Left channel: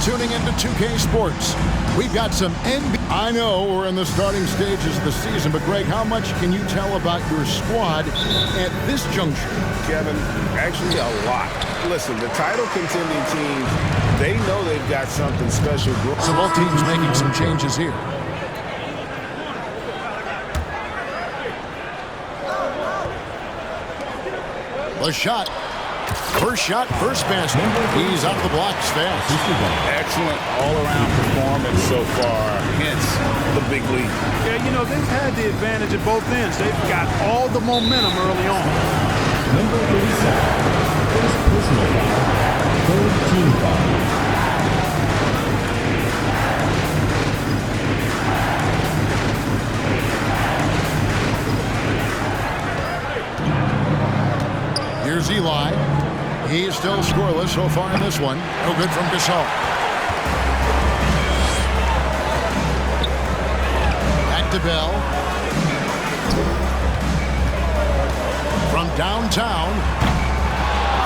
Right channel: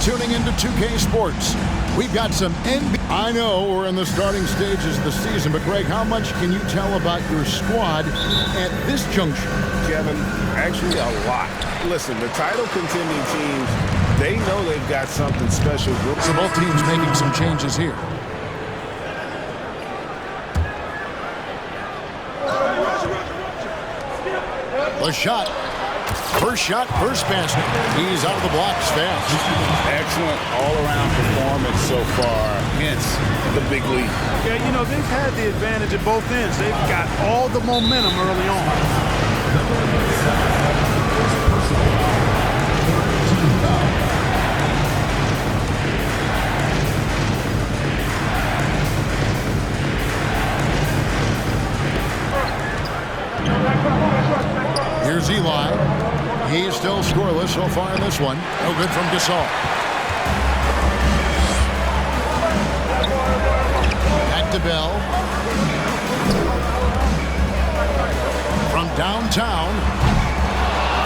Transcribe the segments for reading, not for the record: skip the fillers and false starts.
tuning into 2K Sports. We've got some NBA. I know we're in the starting stages of the season, but Greg, how much can you tell about your squad at this juncture? Kevin, actually a lot. Listen, the title contending teams, they know they've got something special. So both teams making some changes here. The shot. First shot, first basket. He's out of the blocks fast. Excellent all-around performance so far, hence the big lead. Yeah, you know, they've had the advantage at both ends. They've got all the momentum early on. Here's Eli. He is still scoreless so far in this one. No good from Gasol. Back to Bell. From downtown.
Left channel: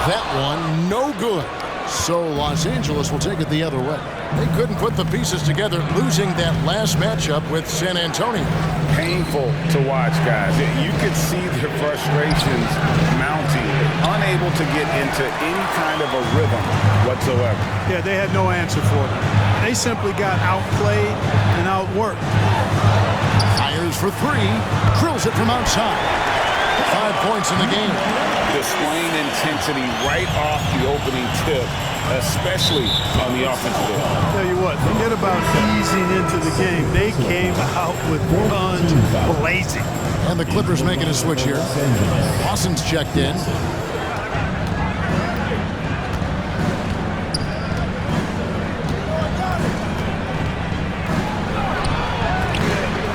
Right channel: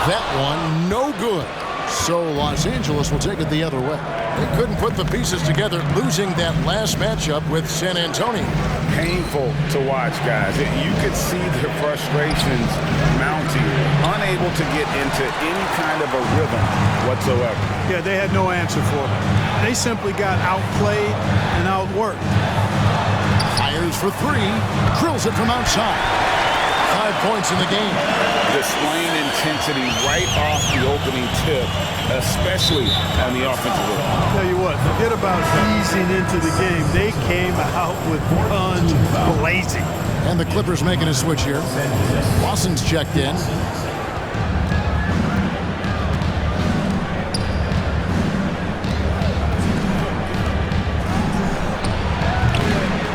That one, no good. So Los Angeles will take it the other way. They couldn't put the pieces together, losing that last matchup with San Antonio. Painful to watch, guys. You could see their frustrations mounting, unable to get into any kind of a rhythm whatsoever. Yeah, they had no answer for them. They simply got outplayed and outworked. Fires for three, drills it from outside. 5 points in the game. Displaying intensity right off the opening tip, especially on the offensive end. Tell you what, forget about easing into the game. They came out with guns blazing. And the Clippers making a switch here. Lawson's checked in.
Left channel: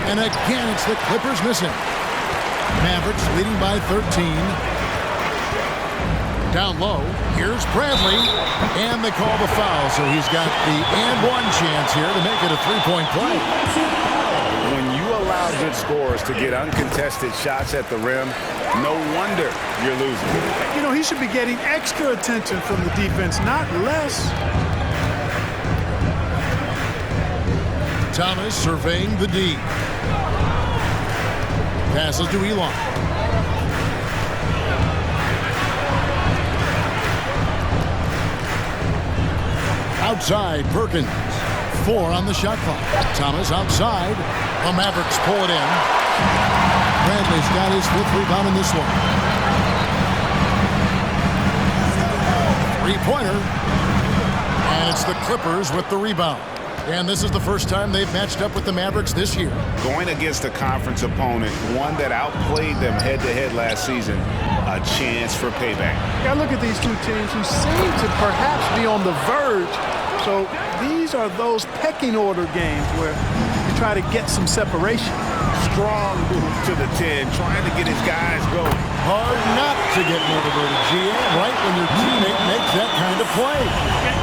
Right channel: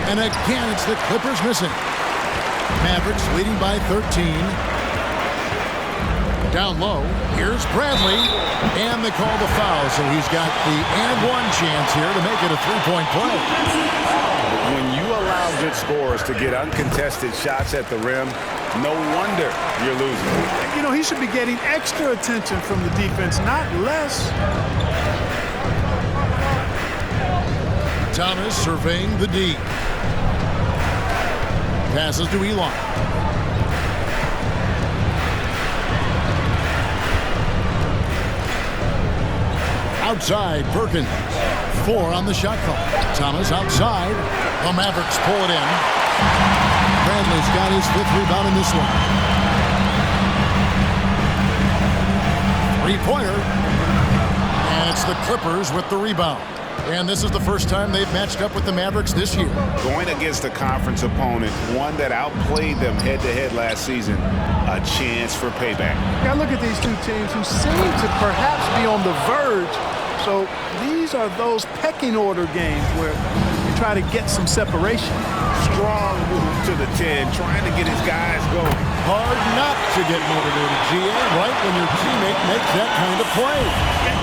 And again, it's the Clippers missing. Mavericks leading by 13. Down low, here's Bradley, and they call the foul, so he's got the and one chance here to make it a three-point play. When you allow good scorers to get uncontested shots at the rim, no wonder you're losing. You know, he should be getting extra attention from the defense, not less. Thomas surveying the D. Passes to Elon. Outside, Perkins. 4 on the shot clock. Thomas outside. The Mavericks pull it in. Bradley's got his 5th rebound in this one. Three-pointer. And it's the Clippers with the rebound. And this is the first time they've matched up with the Mavericks this year. Going against a conference opponent, one that outplayed them head-to-head last season, a chance for payback. Yeah, look at these two teams who seem to perhaps be on the verge. So these are those pecking order games where you try to get some separation. Strong move to the 10, trying to get his guys going. Hard not to get motivated, GA, right when your teammate makes that kind of play.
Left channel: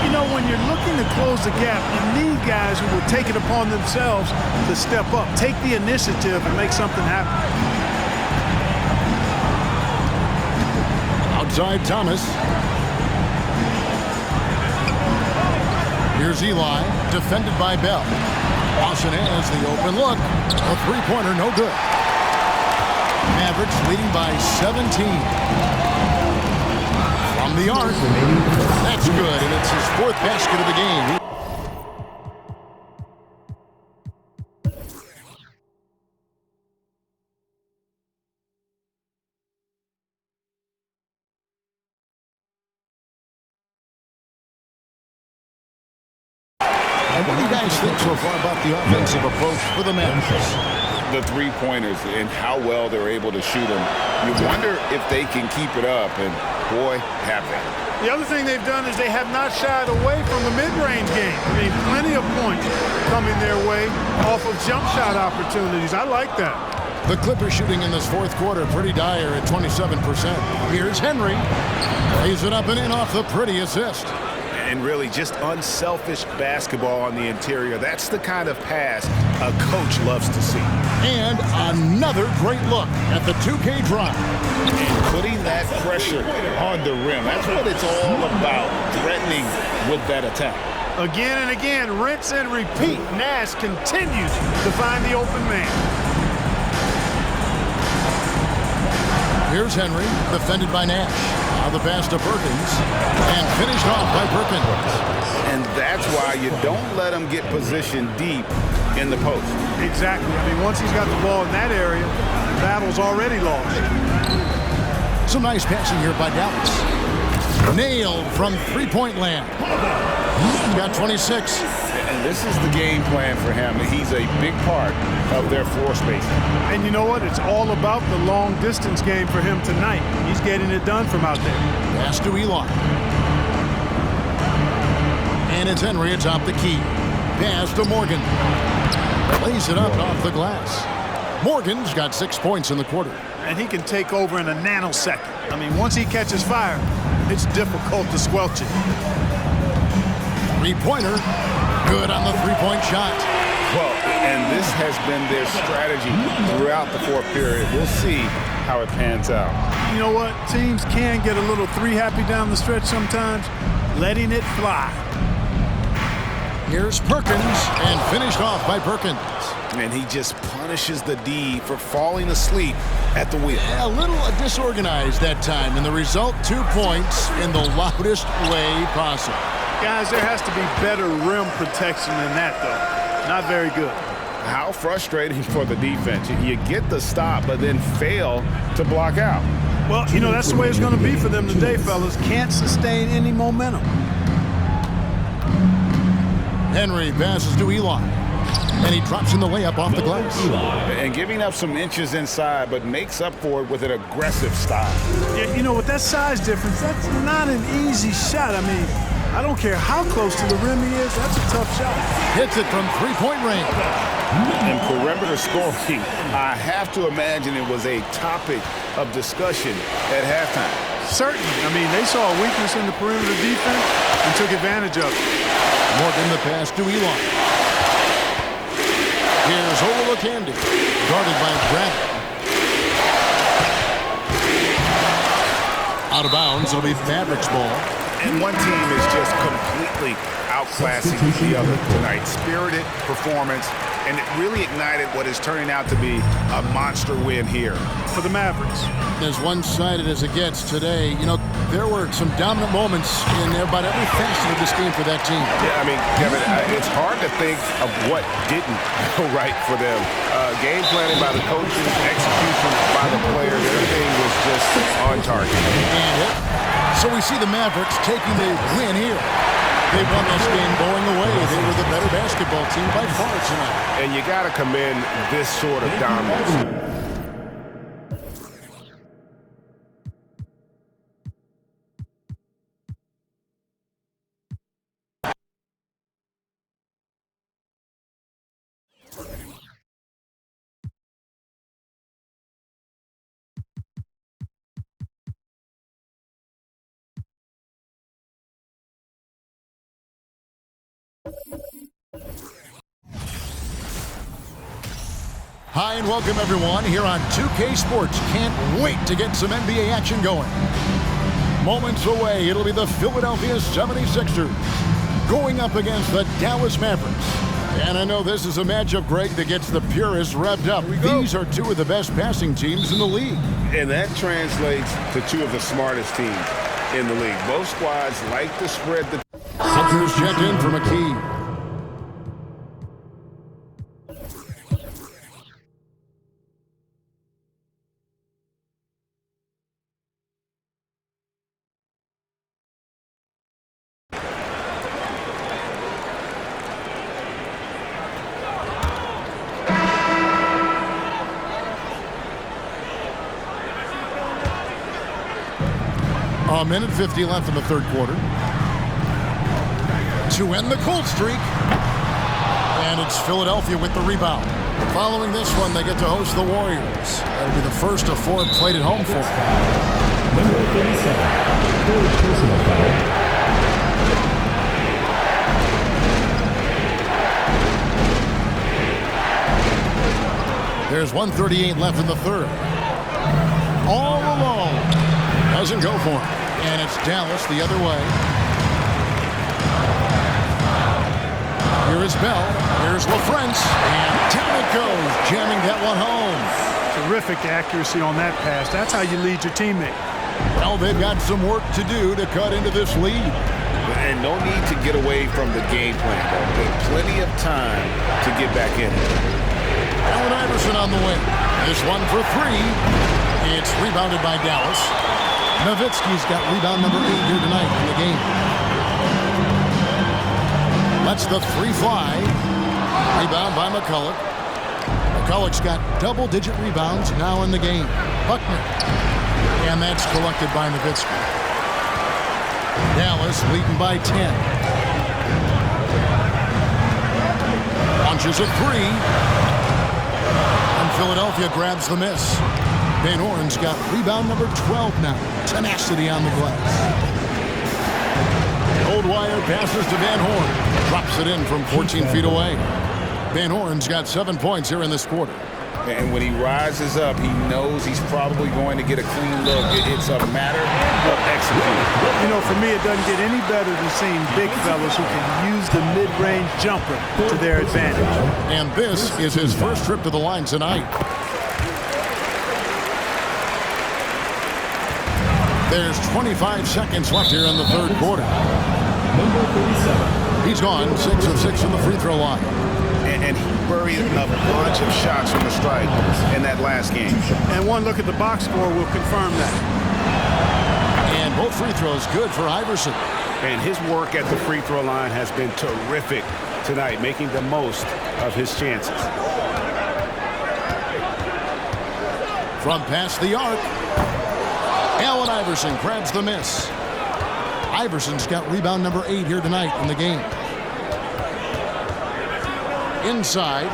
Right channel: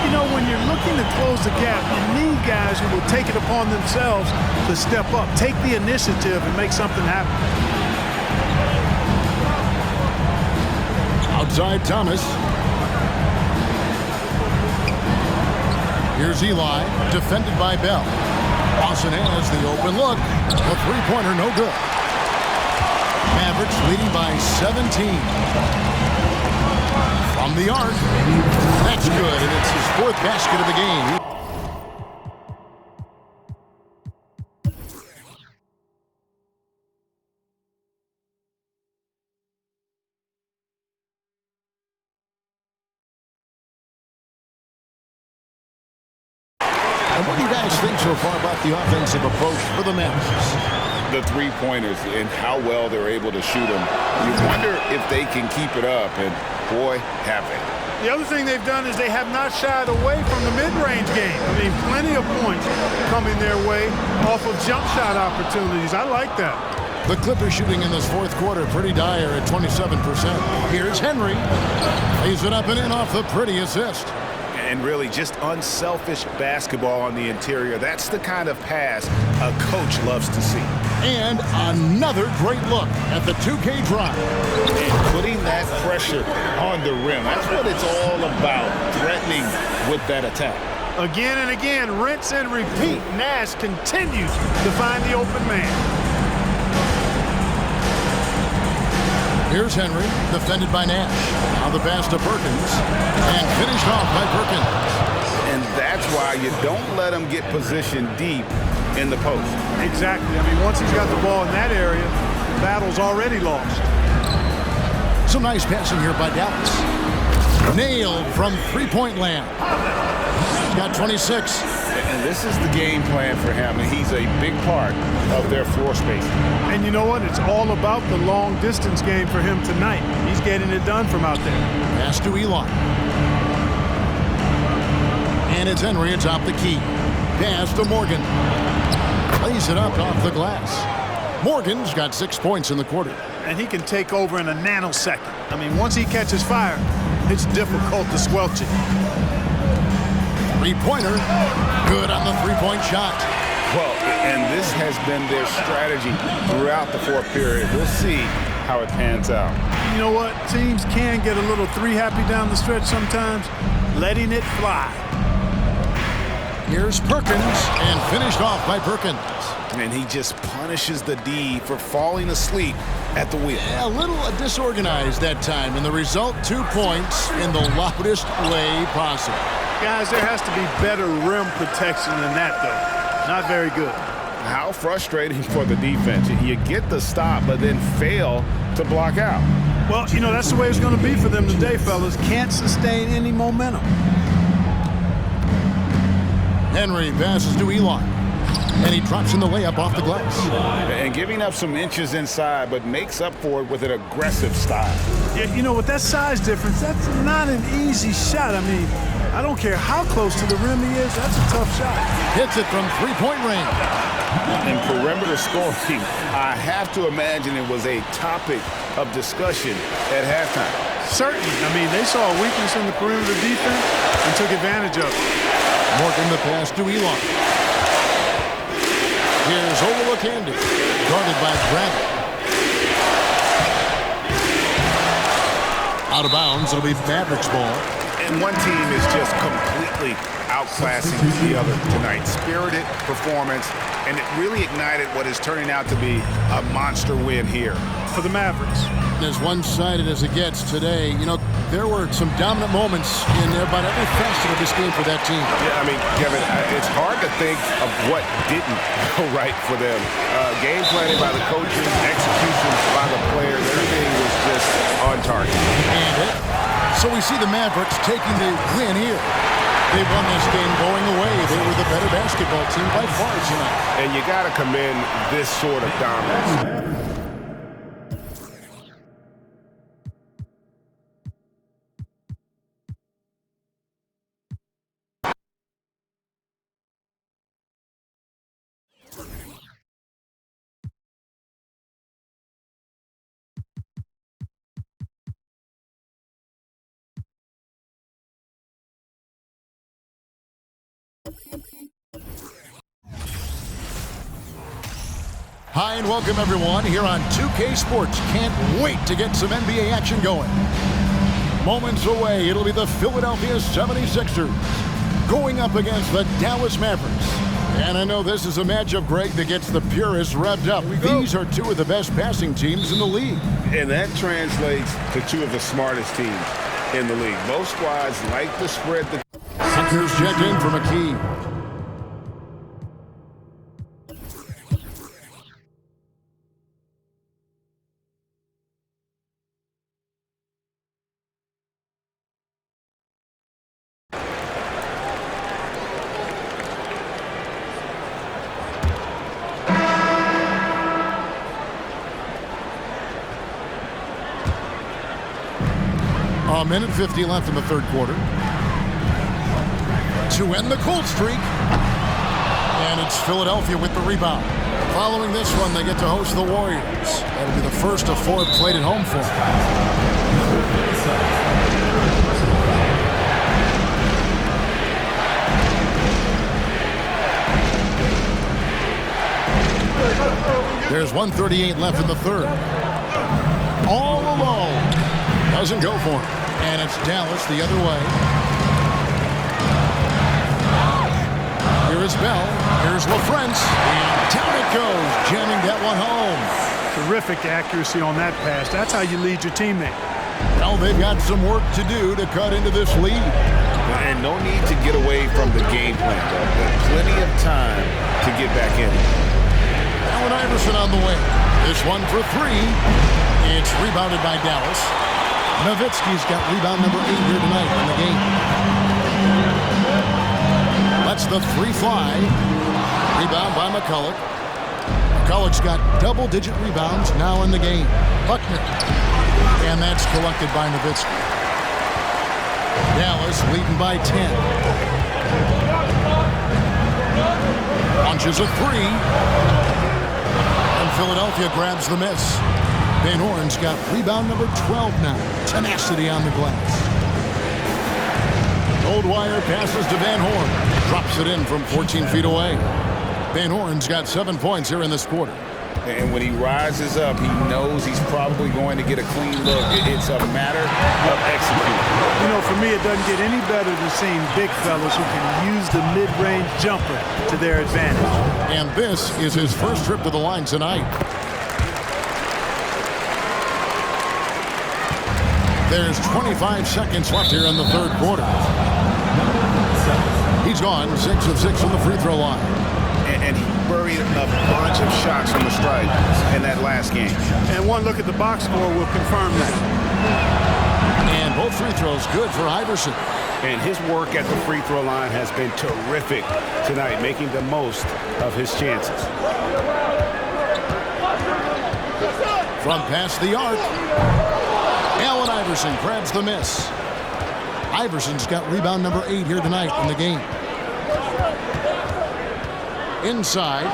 You know, when you're looking to close the gap, you need guys who will take it upon themselves to step up, take the initiative, and make something happen. Outside Thomas. Here's Eli, defended by Bell. Lawson has the open look. A three-pointer, no good. Mavericks leading by 17. From the arc. That's good, and it's his 4th basket of the game. And what do you guys think so far about the offensive approach for the Mavericks? The three-pointers and how well they're able to shoot them. You wonder if they can keep it up, and boy, have they. The other thing they've done is they have not shied away from the mid-range game. I mean, plenty of points coming their way off of jump shot opportunities. I like that. The Clippers shooting in this 4th quarter pretty dire at 27%. Here's Henry. Lays it up and in off the pretty assist. And really just unselfish basketball on the interior. That's the kind of pass a coach loves to see. And another great look at the 2K drive. And putting that pressure on the rim. That's what it's all about, threatening with that attack. Again and again, rinse and repeat. Nash continues to find the open man. Here's Henry, defended by Nash. Now the pass to Perkins, and finished off by Perkins. And that's why you don't let him get positioned deep in the post. Exactly. I mean, once he's got the ball in that area, the battle's already lost. Some nice passing here by Dallas. Nailed from three-point land. He's got 26. And this is the game plan for him. He's a big part of their floor spacing. And you know what? It's all about the long-distance game for him tonight. He's getting it done from out there. Pass to Elon. And it's Henry atop the key. Pass to Morgan. Lays it up off the glass. Morgan's got 6 points in the quarter. And he can take over in a nanosecond. I mean, once he catches fire, it's difficult to squelch it. Three-pointer. Good on the three-point shot. Well, and this has been their strategy throughout the fourth period. We'll see how it pans out. You know what? Teams can get a little three-happy down the stretch sometimes, letting it fly. Here's Perkins, and finished off by Perkins. And he just punishes the D for falling asleep at the wheel. A little disorganized that time, and the result, 2 points in the loudest way possible. Guys, there has to be better rim protection than that, though. Not very good. How frustrating for the defense. You get the stop, but then fail to block out. Well, you know, that's the way it's going to be for them today, fellas. Can't sustain any momentum. Henry passes to Elon, and he drops in the layup off the glass. And giving up some inches inside, but makes up for it with an aggressive style. Yeah, you know, with that size difference, that's not an easy shot. I mean, I don't care how close to the rim he is, that's a tough shot. Hits it from three-point range. In perimeter scoring, I have to imagine it was a topic of discussion at halftime. Certainly. I mean, they saw a weakness in the perimeter defense and took advantage of it. Morgan the pass to Elon. Here's Olowokandi, guarded by Bradley. Out of bounds, it'll be Mavericks ball. And one team is just completely outclassing the other tonight. Spirited performance, and it really ignited what is turning out to be a monster win here for the Mavericks. As one-sided as it gets today, you know, there were some dominant moments in about every facet of this game for that team. Yeah, I mean, Kevin, it's hard to think of what didn't go right for them. Game planning by the coaches, execution by the players, everything was just on target. So we see the Mavericks taking the win here. They won this game going away. They were the better basketball team by far tonight. And you got to commend this sort of dominance. Hi and welcome everyone here on 2K Sports. Can't wait to get some NBA action going. Moments away, it'll be the Philadelphia 76ers going up against the Dallas Mavericks. And I know this is a matchup, Greg, that gets the purists revved up. These are two of the best passing teams in the league. And that translates to two of the smartest teams in the league. Both squads like to spread the... Here's checked in for McKee. A minute 50 left in the third quarter. To end the cold streak. And it's Philadelphia with the rebound. Following this one, they get to host the Warriors. That'll be the first of four played at home for them. Number 37, personal foul. There's 1:38 left in the third. All alone. Doesn't go for him. And it's Dallas the other way. is Bell. Here's LaFrance, and down it goes, jamming that one home. Terrific accuracy on that pass. That's how you lead your teammate. Well, they've got some work to do to cut into this lead. And no need to get away from the game plan, though. There's plenty of time to get back in it. Allen Iverson on the wing. This one for three. It's rebounded by Dallas. Nowitzki's got rebound number 8 here tonight in the game. Lets the three fly. Rebound by McCulloch. McCulloch's got double-digit rebounds now in the game. Buckner. And that's collected by Nowitzki. Dallas leading by 10. Launches a three. And Philadelphia grabs the miss. Van Horn's got rebound number 12 now. Tenacity on the glass. Goldwire passes to Van Horn. Drops it in from 14 feet away. Van Horn's got 7 points here in this quarter. And when he rises up, he knows he's probably going to get a clean look. It's a matter of executing. You know, for me, it doesn't get any better than seeing big fellas who can use the mid-range jumper to their advantage. And this is his first trip to the line tonight. There's 25 seconds left here in the third quarter. He's gone 6 of 6 from the free throw line. And he buried a bunch of shots from the stripe in that last game. And one look at the box score will confirm that. And both free throws good for Iverson. And his work at the free throw line has been terrific tonight, making the most of his chances. From past the arc, Allen Iverson grabs the miss. Iverson's got rebound number 8 here tonight in the game. Inside.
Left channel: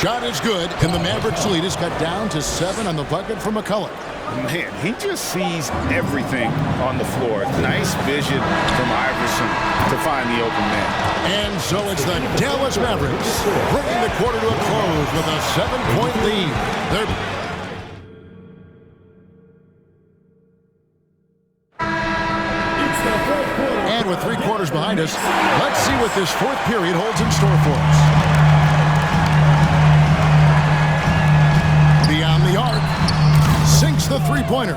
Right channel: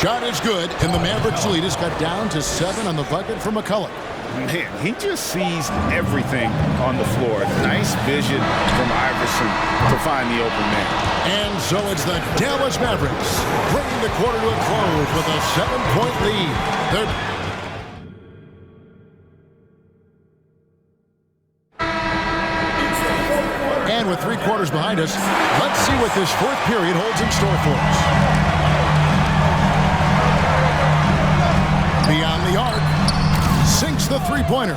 Shot is good, and the Mavericks lead is cut down to 7 on the bucket for McCulloch. Man, he just sees everything on the floor. Nice vision from Iverson to find the open man. And so it's the Dallas Mavericks bringing the quarter to a close with a 7-point lead. And with 3 quarters behind us, let's see what this fourth period holds in store for us. Beyond the arc, sinks the three-pointer.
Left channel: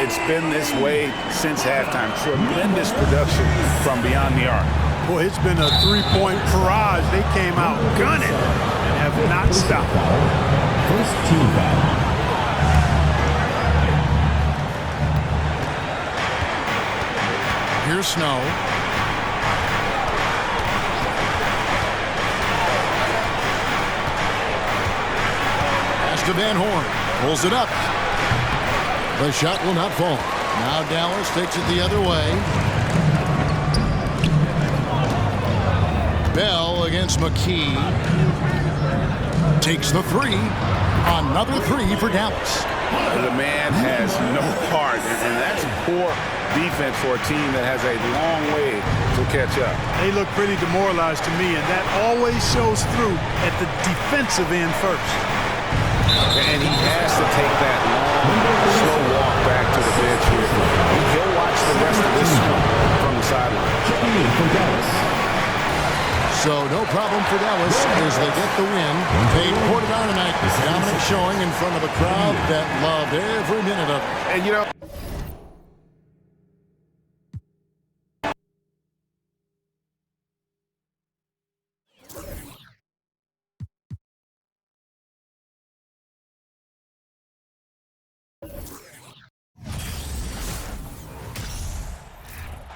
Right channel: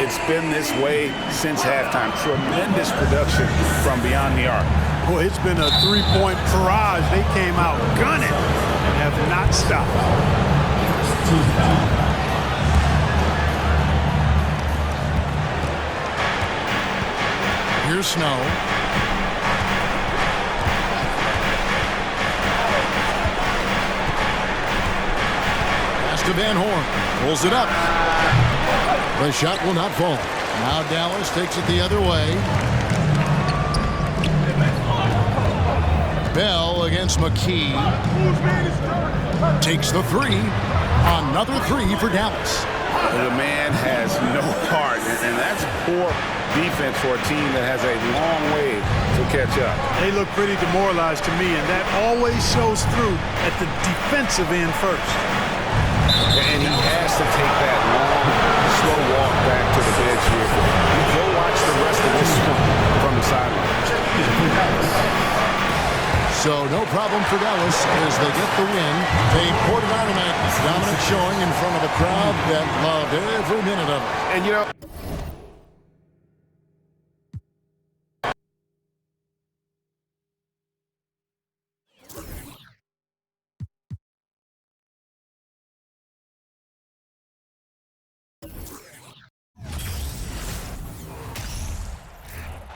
It's been this way since halftime. Tremendous production from beyond the arc. Boy, it's been a three-point barrage. They came out gunning and have not stopped. First team foul. Here's Snow. Pass to Van Horn. Pulls it up. The shot will not fall. Now Dallas takes it the other way. Bell against McKee. Takes the three. Another three for Dallas. The man has no heart, and that's poor defense for a team that has a long way to catch up. They look pretty demoralized to me, and that always shows through at the defensive end first. And he has to take that long, slow walk back to the bench here. He'll watch the rest of this one from the sideline. So no problem for Dallas as they get the win. They poured it on tonight. Dominant showing in front of a crowd that loved every minute of it. And, you know,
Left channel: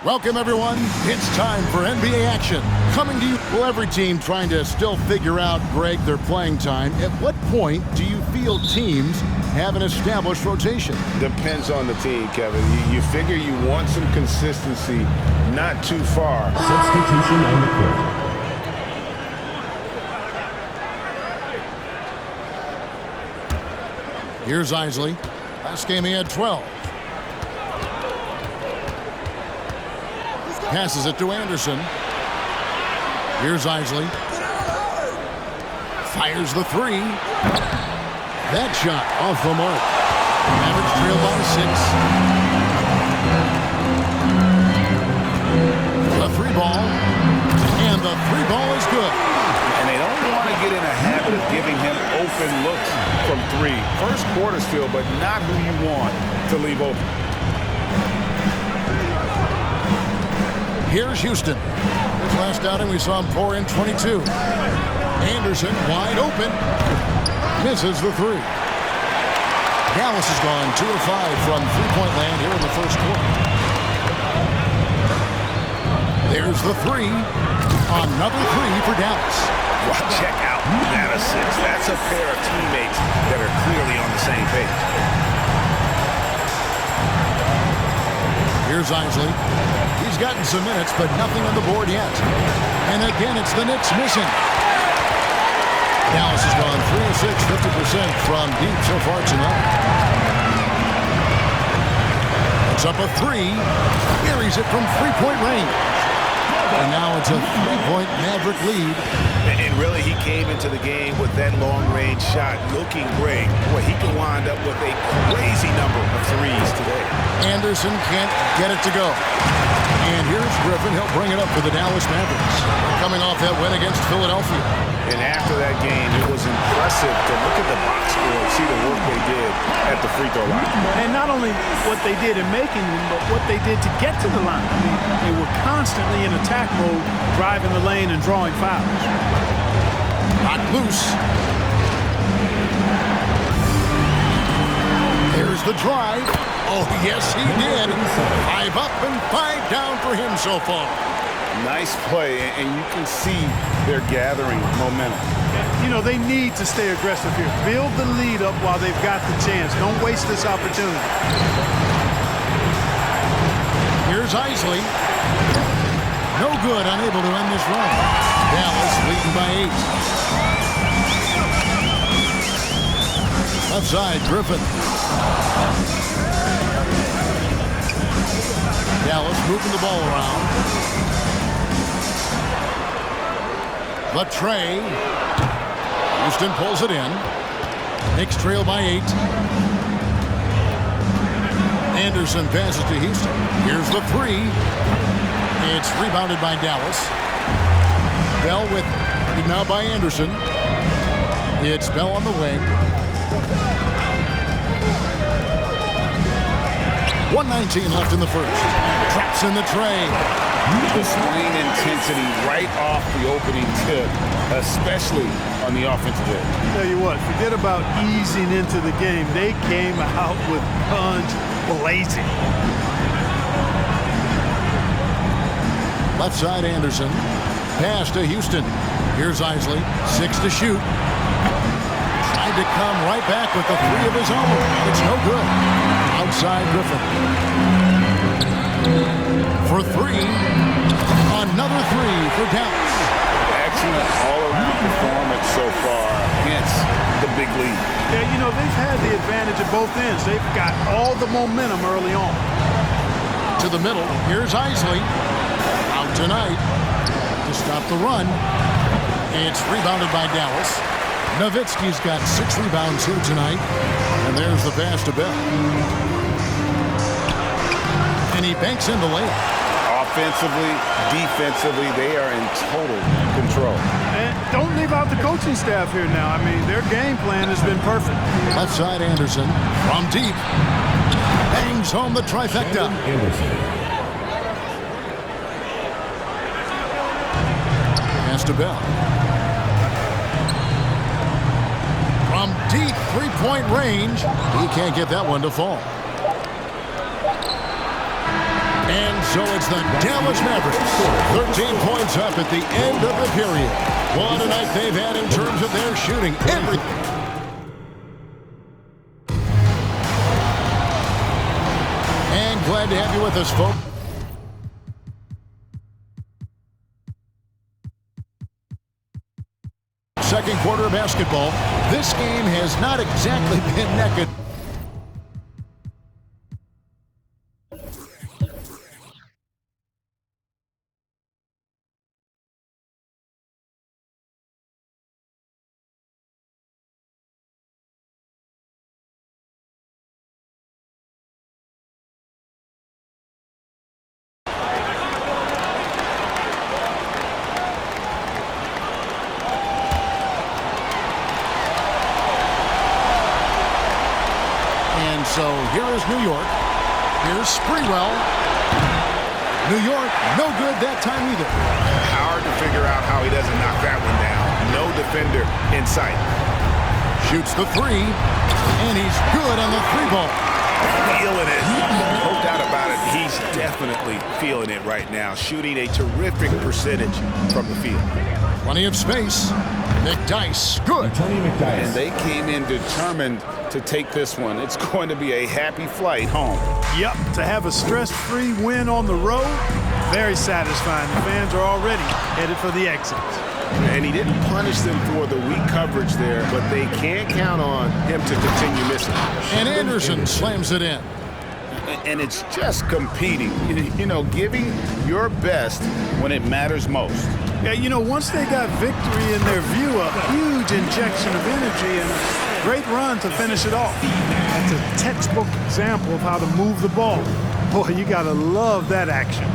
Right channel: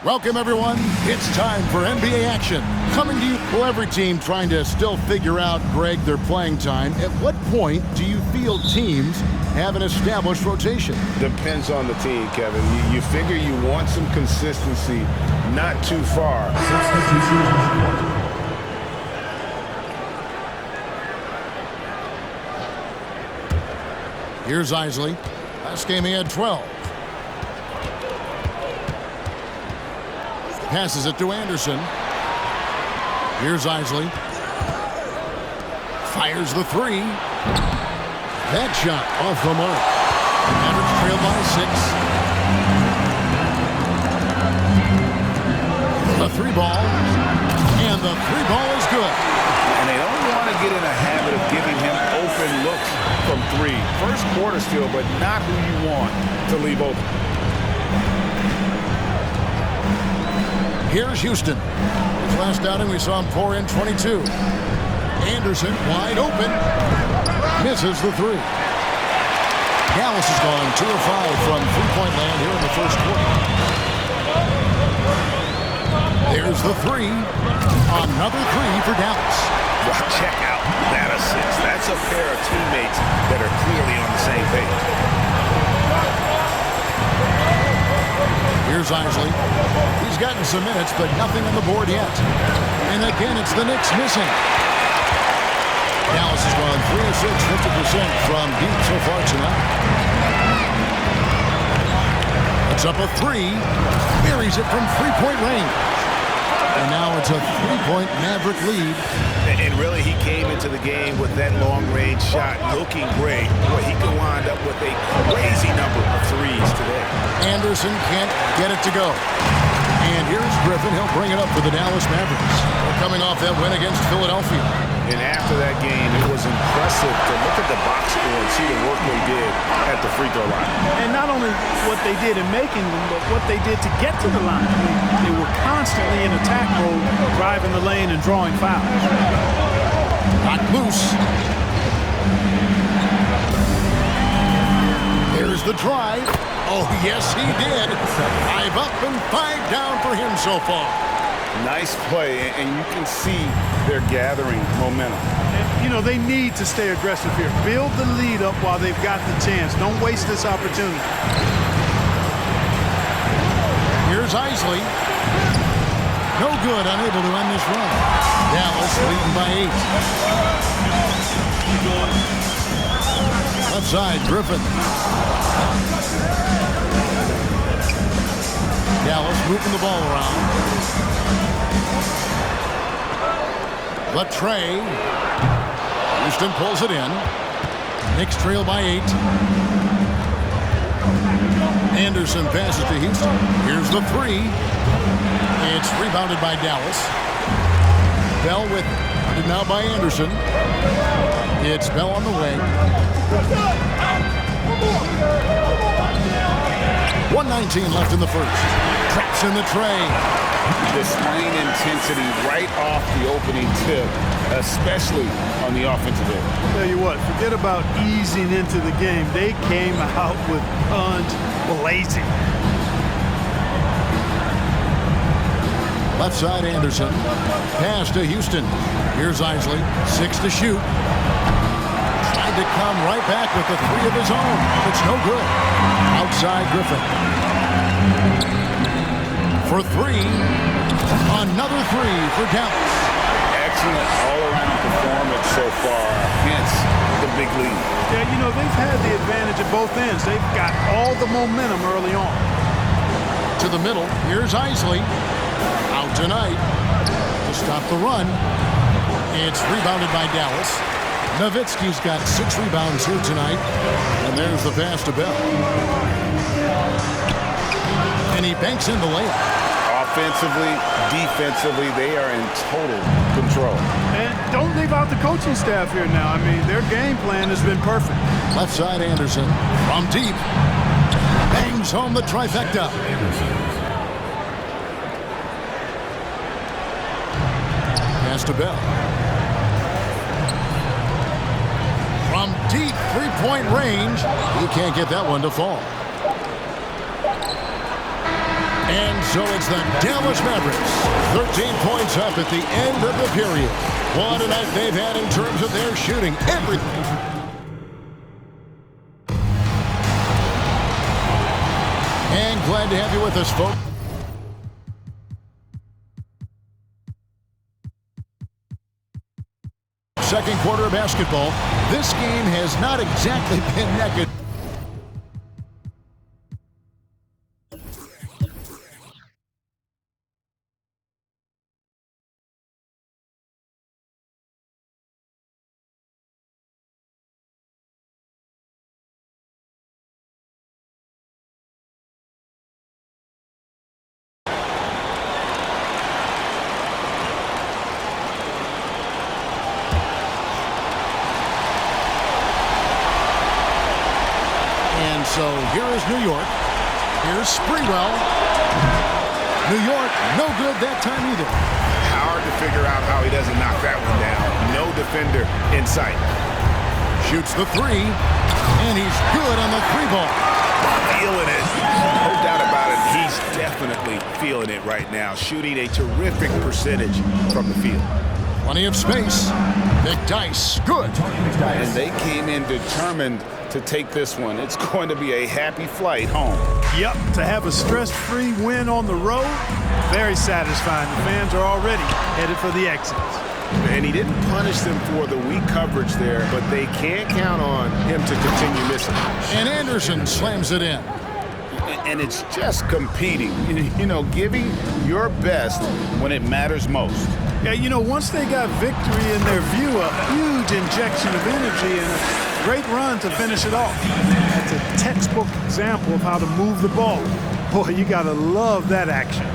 Welcome, everyone. It's time for NBA action. Coming to you, well, every team trying to still figure out, Greg, their playing time. At what point do you feel teams have an established rotation? depends on the team, Kevin. You figure you want some consistency, not too far. Substitution on the court. Here's Isley. Last game he had 12. Passes it to Anderson. Here's Isley. Fires the three. That shot off the mark. The Mavericks trail by 6. A 3 ball. And the three ball is good. And they don't want to get in a habit of giving him open looks from three. First quarter still, but not who you want to leave open. Here's Houston. His last outing, we saw him pour in 22. Anderson wide open. Misses the three. Dallas has gone 2 of 5 from three-point land here in the first quarter. There's the three. Another three for Dallas. Well, check out that assist. That's a pair of teammates that are clearly on the same page. Here's Isley. He's gotten some minutes, but nothing on the board yet. And again, it's the Knicks missing. Dallas has gone 3 of 6, 50% from deep so far tonight. Puts up a three. Buries it from three-point range. And now it's a three-point Maverick lead. And really, he came into the game with that long-range shot looking great. Boy, he could wind up with a crazy number of threes today. Anderson can't get it to go. And here's Griffin. He'll bring it up for the Dallas Mavericks. They're coming off that win against Philadelphia. And after that game, it was impressive to look at the box score and see the work they did at the free throw line. And not only what they did in making them, but what they did to get to the line. I mean, they were constantly in attack mode, driving the lane and drawing fouls. Not loose. There's the drive. Oh, yes, he did. 5 up and 5 down for him so far. Nice play, and you can see they're gathering momentum. You know, they need to stay aggressive here. Build the lead up while they've got the chance. Don't waste this opportunity. Here's Isley. No good, unable to end this run. Dallas leading by 8. Left side, Griffin. Dallas moving the ball around. The tray. Houston pulls it in. Knicks trail by 8. Anderson passes to Houston. Here's the three. It's rebounded by Dallas. Bell with it. Guarded now by Anderson. It's Bell on the wing. 1:19 left in the first. Traps in the tray. Displaying intensity right off the opening tip, especially on the offensive end. Tell you what, forget about easing into the game. They came out with guns blazing. Left side, Anderson. Pass to Houston. Here's Isley. 6 to shoot. Tried to come right back with the three of his own. It's no good. Outside, Griffin. For three. Another three for Dallas. Excellent all-around performance so far, hence the big lead. Yeah, you know, they've had the advantage at both ends. They've got all the momentum early on. To the middle. Here's Isley. Out tonight to stop the run. It's rebounded by Dallas. Nowitzki's got 6 rebounds here tonight. And there's the pass to Bell. And he banks in the layup. Offensively, defensively, they are in total control. And don't leave out the coaching staff here now. I mean, their game plan has been perfect. Left side, Anderson. From deep. Bangs home the trifecta. Anderson. Pass to Bell. From deep three-point range. He can't get that one to fall. And so it's the Dallas Mavericks. 13 points up at the end of the period. What a night they've had in terms of their shooting. Everything. And glad to have you with us, folks. Second quarter of basketball. This game has not exactly been naked. And so here is New York. Here's Sprewell. New York, no good that time either. Hard to figure out how he doesn't knock that one down. No defender in sight. Shoots the three, and he's good on the three ball. Feeling it. No doubt about it. He's definitely feeling it right now. Shooting a terrific percentage from the field. Plenty of space. McDyess, good. And they came in determined to take this one. It's going to be a happy flight home. Yep, to have a stress-free win on the road, very satisfying. The fans are already headed for the exits. And he didn't punish them for the weak coverage there, but they can't count on him to continue missing. And Anderson slams it in. And it's just competing, you know, giving your best when it matters most. Yeah, you know, once they got victory in their view, a huge injection of energy and a great run to finish it off. That's a textbook example of how to move the ball. Boy, you got to love that action.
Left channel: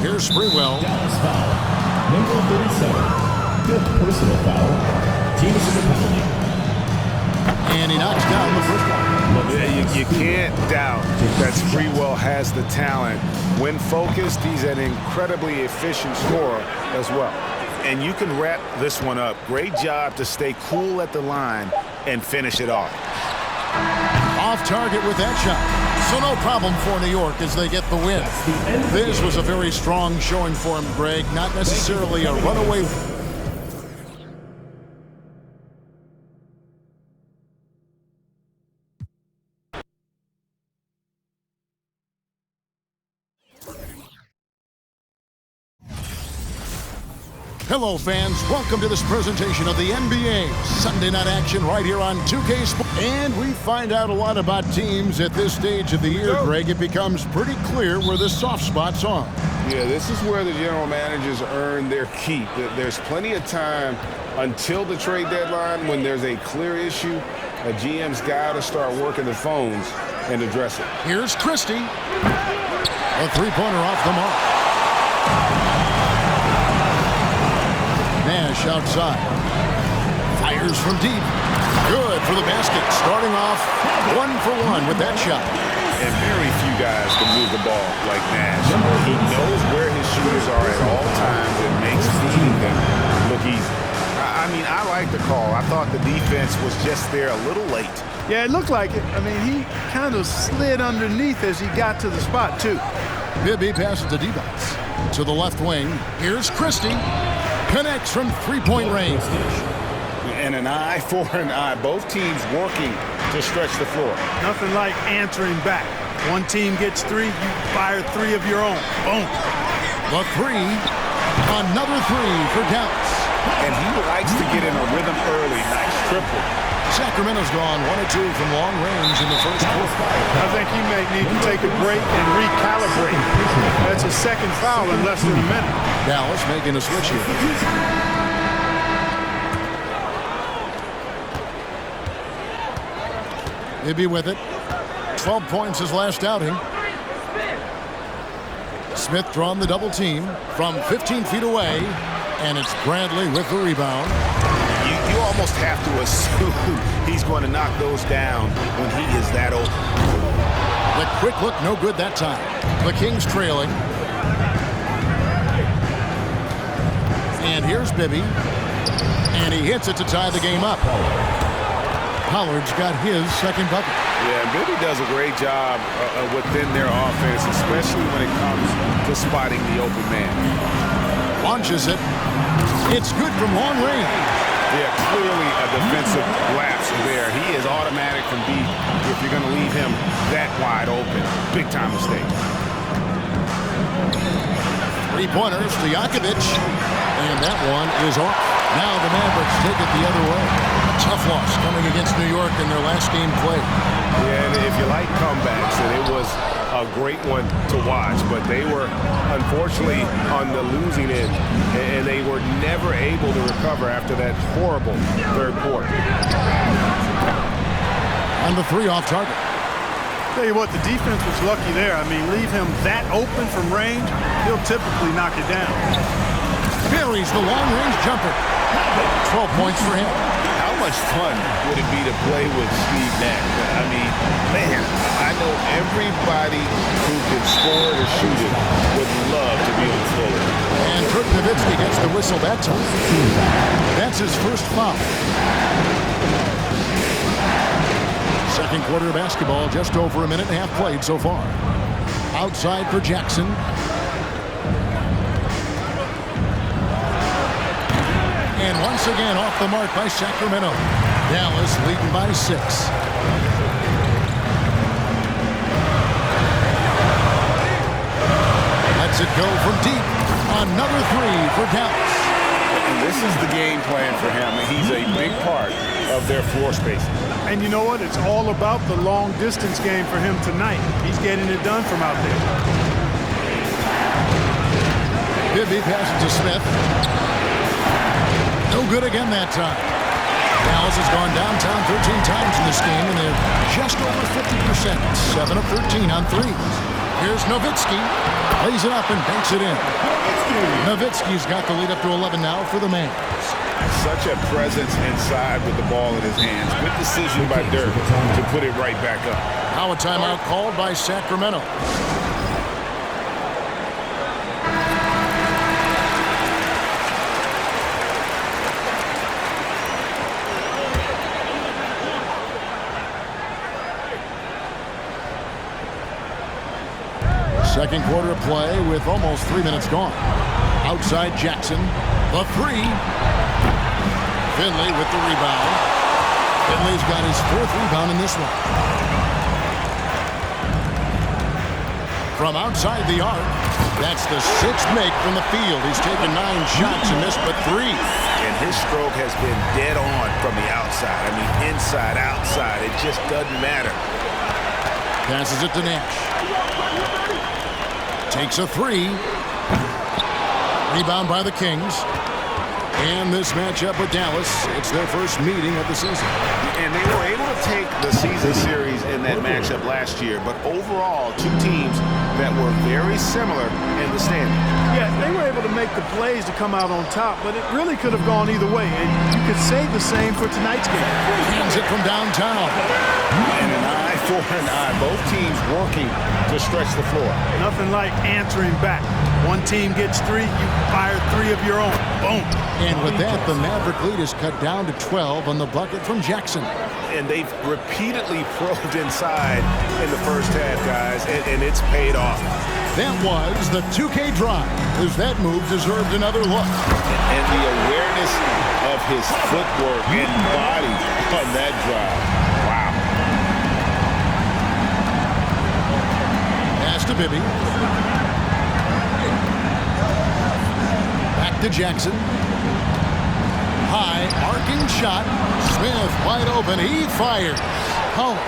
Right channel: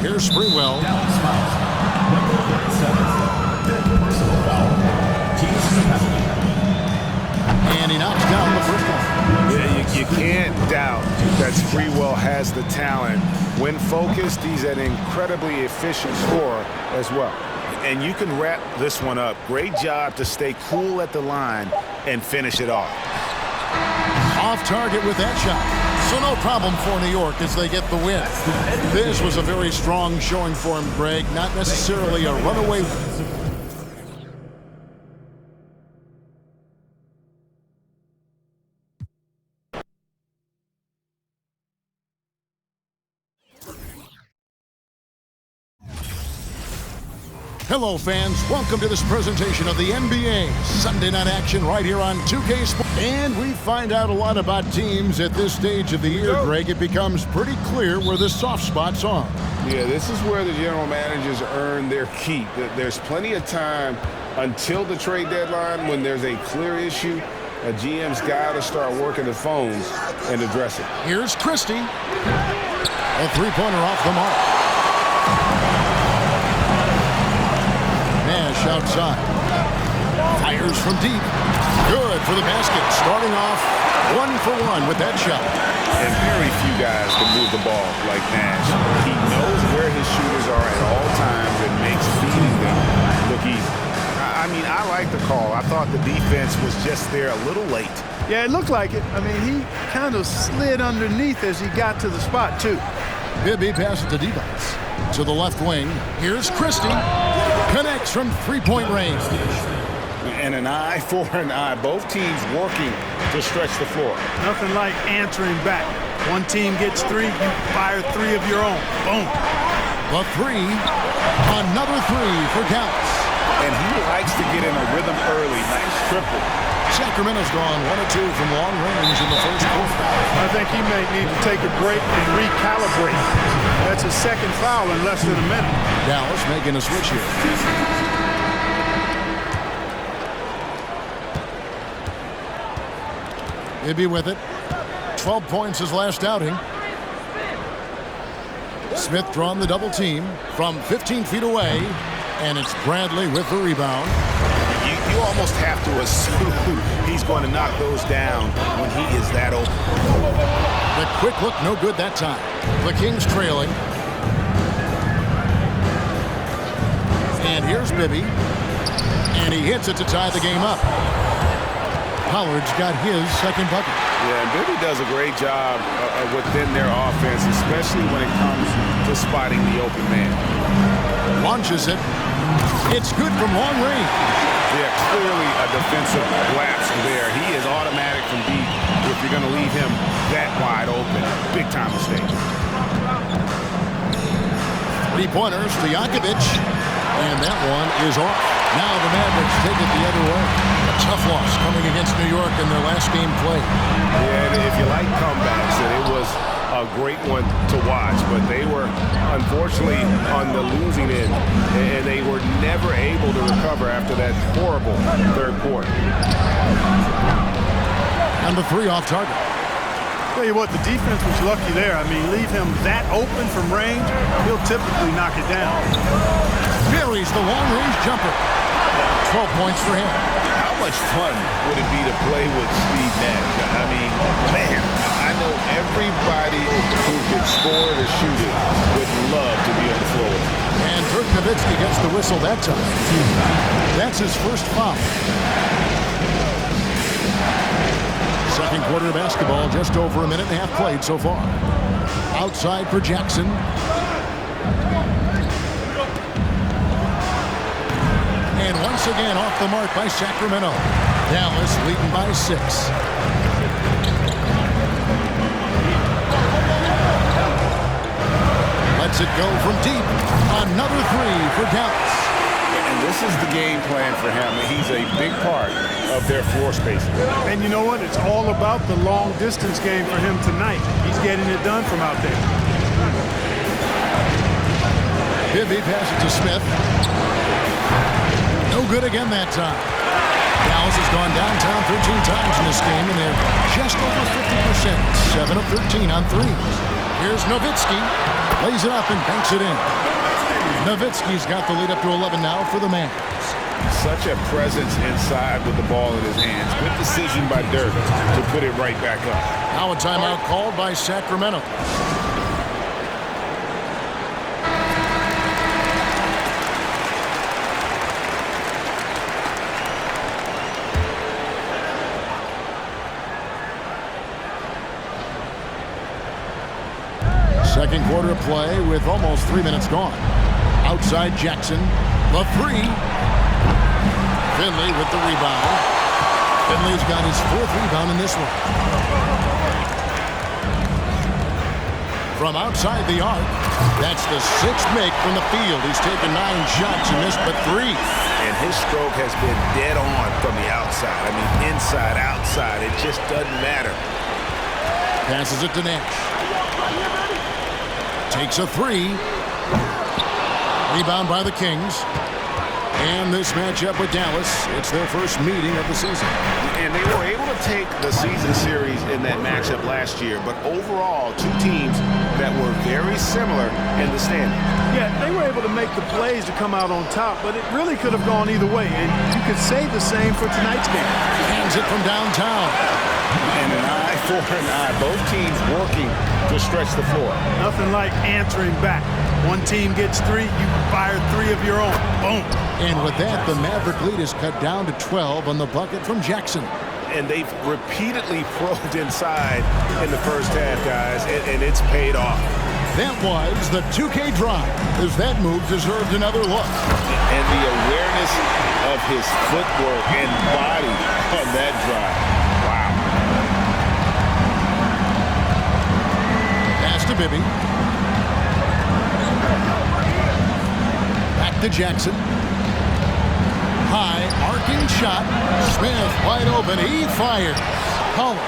Here's Sprewell. Dallas foul. Number 37. Fifth personal foul. Teams in the penalty. And he knocks down the first one. Yeah, you can't doubt that Sprewell has the talent. When focused, he's an incredibly efficient scorer as well. And you can wrap this one up. Great job to stay cool at the line and finish it off. Off target with that shot. So no problem for New York as they get the win. This was a very strong showing for him, Greg. Not necessarily a runaway. Hello, fans. Welcome to this presentation of the NBA Sunday night action right here on 2K Sports. And we find out a lot about teams at this stage of the year, Greg. It becomes pretty clear where the soft spots are. Yeah, this is where the general managers earn their keep. There's plenty of time until the trade deadline when there's a clear issue. A GM's got to start working the phones and address it. Here's Christie. A three-pointer off the mark. Nash outside. Fires from deep. Good for the basket. Starting off 1-for-1 with that shot. And very few guys can move the ball like Nash. He knows where his shooters are at all times and makes feeding them look easy. I mean, I like the call. I thought the defense was just there a little late. Yeah, it looked like it. I mean, he kind of slid underneath as he got to the spot, too. Bibby passes to D-Box. To the left wing. Here's Christie. Connects from three-point range. And an eye for an eye. Both teams working to stretch the floor. Nothing like answering back. One team gets three, you fire three of your own. Boom. The three. Another three for Dallas. And he likes to get in a rhythm early. Nice triple. Sacramento's gone 1 of 2 from long range in the first quarter. I think he may need to take a break and recalibrate. That's his second foul in less than a minute. Dallas making a switch here. Bibby with it. 12 points his last outing. Smith drawn the double team from 15 feet away, and it's Bradley with the rebound. You almost have to assume he's going to knock those down when he is that open. The quick look, no good that time. The Kings trailing. And here's Bibby. And he hits it to tie the game up. Pollard's got his second bucket. Yeah, and Bibby does a great job within their offense, especially when it comes to spotting the open man. Launches it. It's good from long range. Yeah, clearly a defensive lapse there. He is automatic from deep if you're going to leave him that wide open. Big time mistake. Three-pointers to Jakovic. And that one is off. Now the Mavericks take it the other way. A tough loss coming against New York in their last game played. Yeah, and if you like comebacks, and it was a great one to watch, but they were unfortunately on the losing end, and they were never able to recover after that horrible third quarter. And the three off target. Tell you what, the defense was lucky there. I mean, leave him that open from range, he'll typically knock it down. Buries the long-range jumper. 12 points for him. How much fun would it be to play with Steve Nash? I mean, man, I know everybody who can score it or shoot it would love to be on the floor with him. And Dirk Nowitzki gets the whistle that time. That's his first foul. Second quarter of basketball, just over a minute and a half played so far. Outside for Jackson. And once again off the mark by Sacramento. Dallas leading by 6. Lets it go from deep. Another 3 for Dallas. And this is the game plan for him. He's a big part of their floor spacing. And you know what? It's all about the long distance game for him tonight. He's getting it done from out there. Bibby passes to Smith. No good again that time. Dallas has gone downtown 13 times in this game, and they're just over 50%. 7 of 13 on threes. Here's Nowitzki. Lays it up and banks it in. Nowitzki's got the lead up to 11 now for the Mavs. Such a presence inside with the ball in his hands. Good decision by Dirk to put it right back up. Now a timeout called by Sacramento. Second quarter of play with almost 3 minutes gone. Outside Jackson. The 3. Finley with the rebound. Finley's got his 4th rebound in this one. From outside the arc, that's the 6th make from the field. He's taken 9 shots and missed but 3. And his stroke has been dead on from the outside. I mean, inside, outside, it just doesn't matter. Passes it to Nash. Takes a 3. Rebound by the Kings. And this matchup with Dallas, it's their first meeting of the season. And they were able to take the season series in that matchup last year, but overall, 2 teams that were very similar in the standings. Yeah, they were able to make the plays to come out on top, but it really could have gone either way, and you could say the same for tonight's game. Hands it from downtown. And an eye for an eye. Both teams working to stretch the floor. Nothing like answering back. One team gets 3, you fire 3 of your own. Boom. And with that, the Maverick lead is cut down to 12 on the bucket from Jackson. And they've repeatedly probed inside in the first half, guys, and it's paid off. That was the 2K drive, as that move deserved another look. And the awareness of his footwork and body on that drive. Wow. Pass to Bibby. Back to Jackson. High, arcing shot. Smith wide open. He fires. Pollard.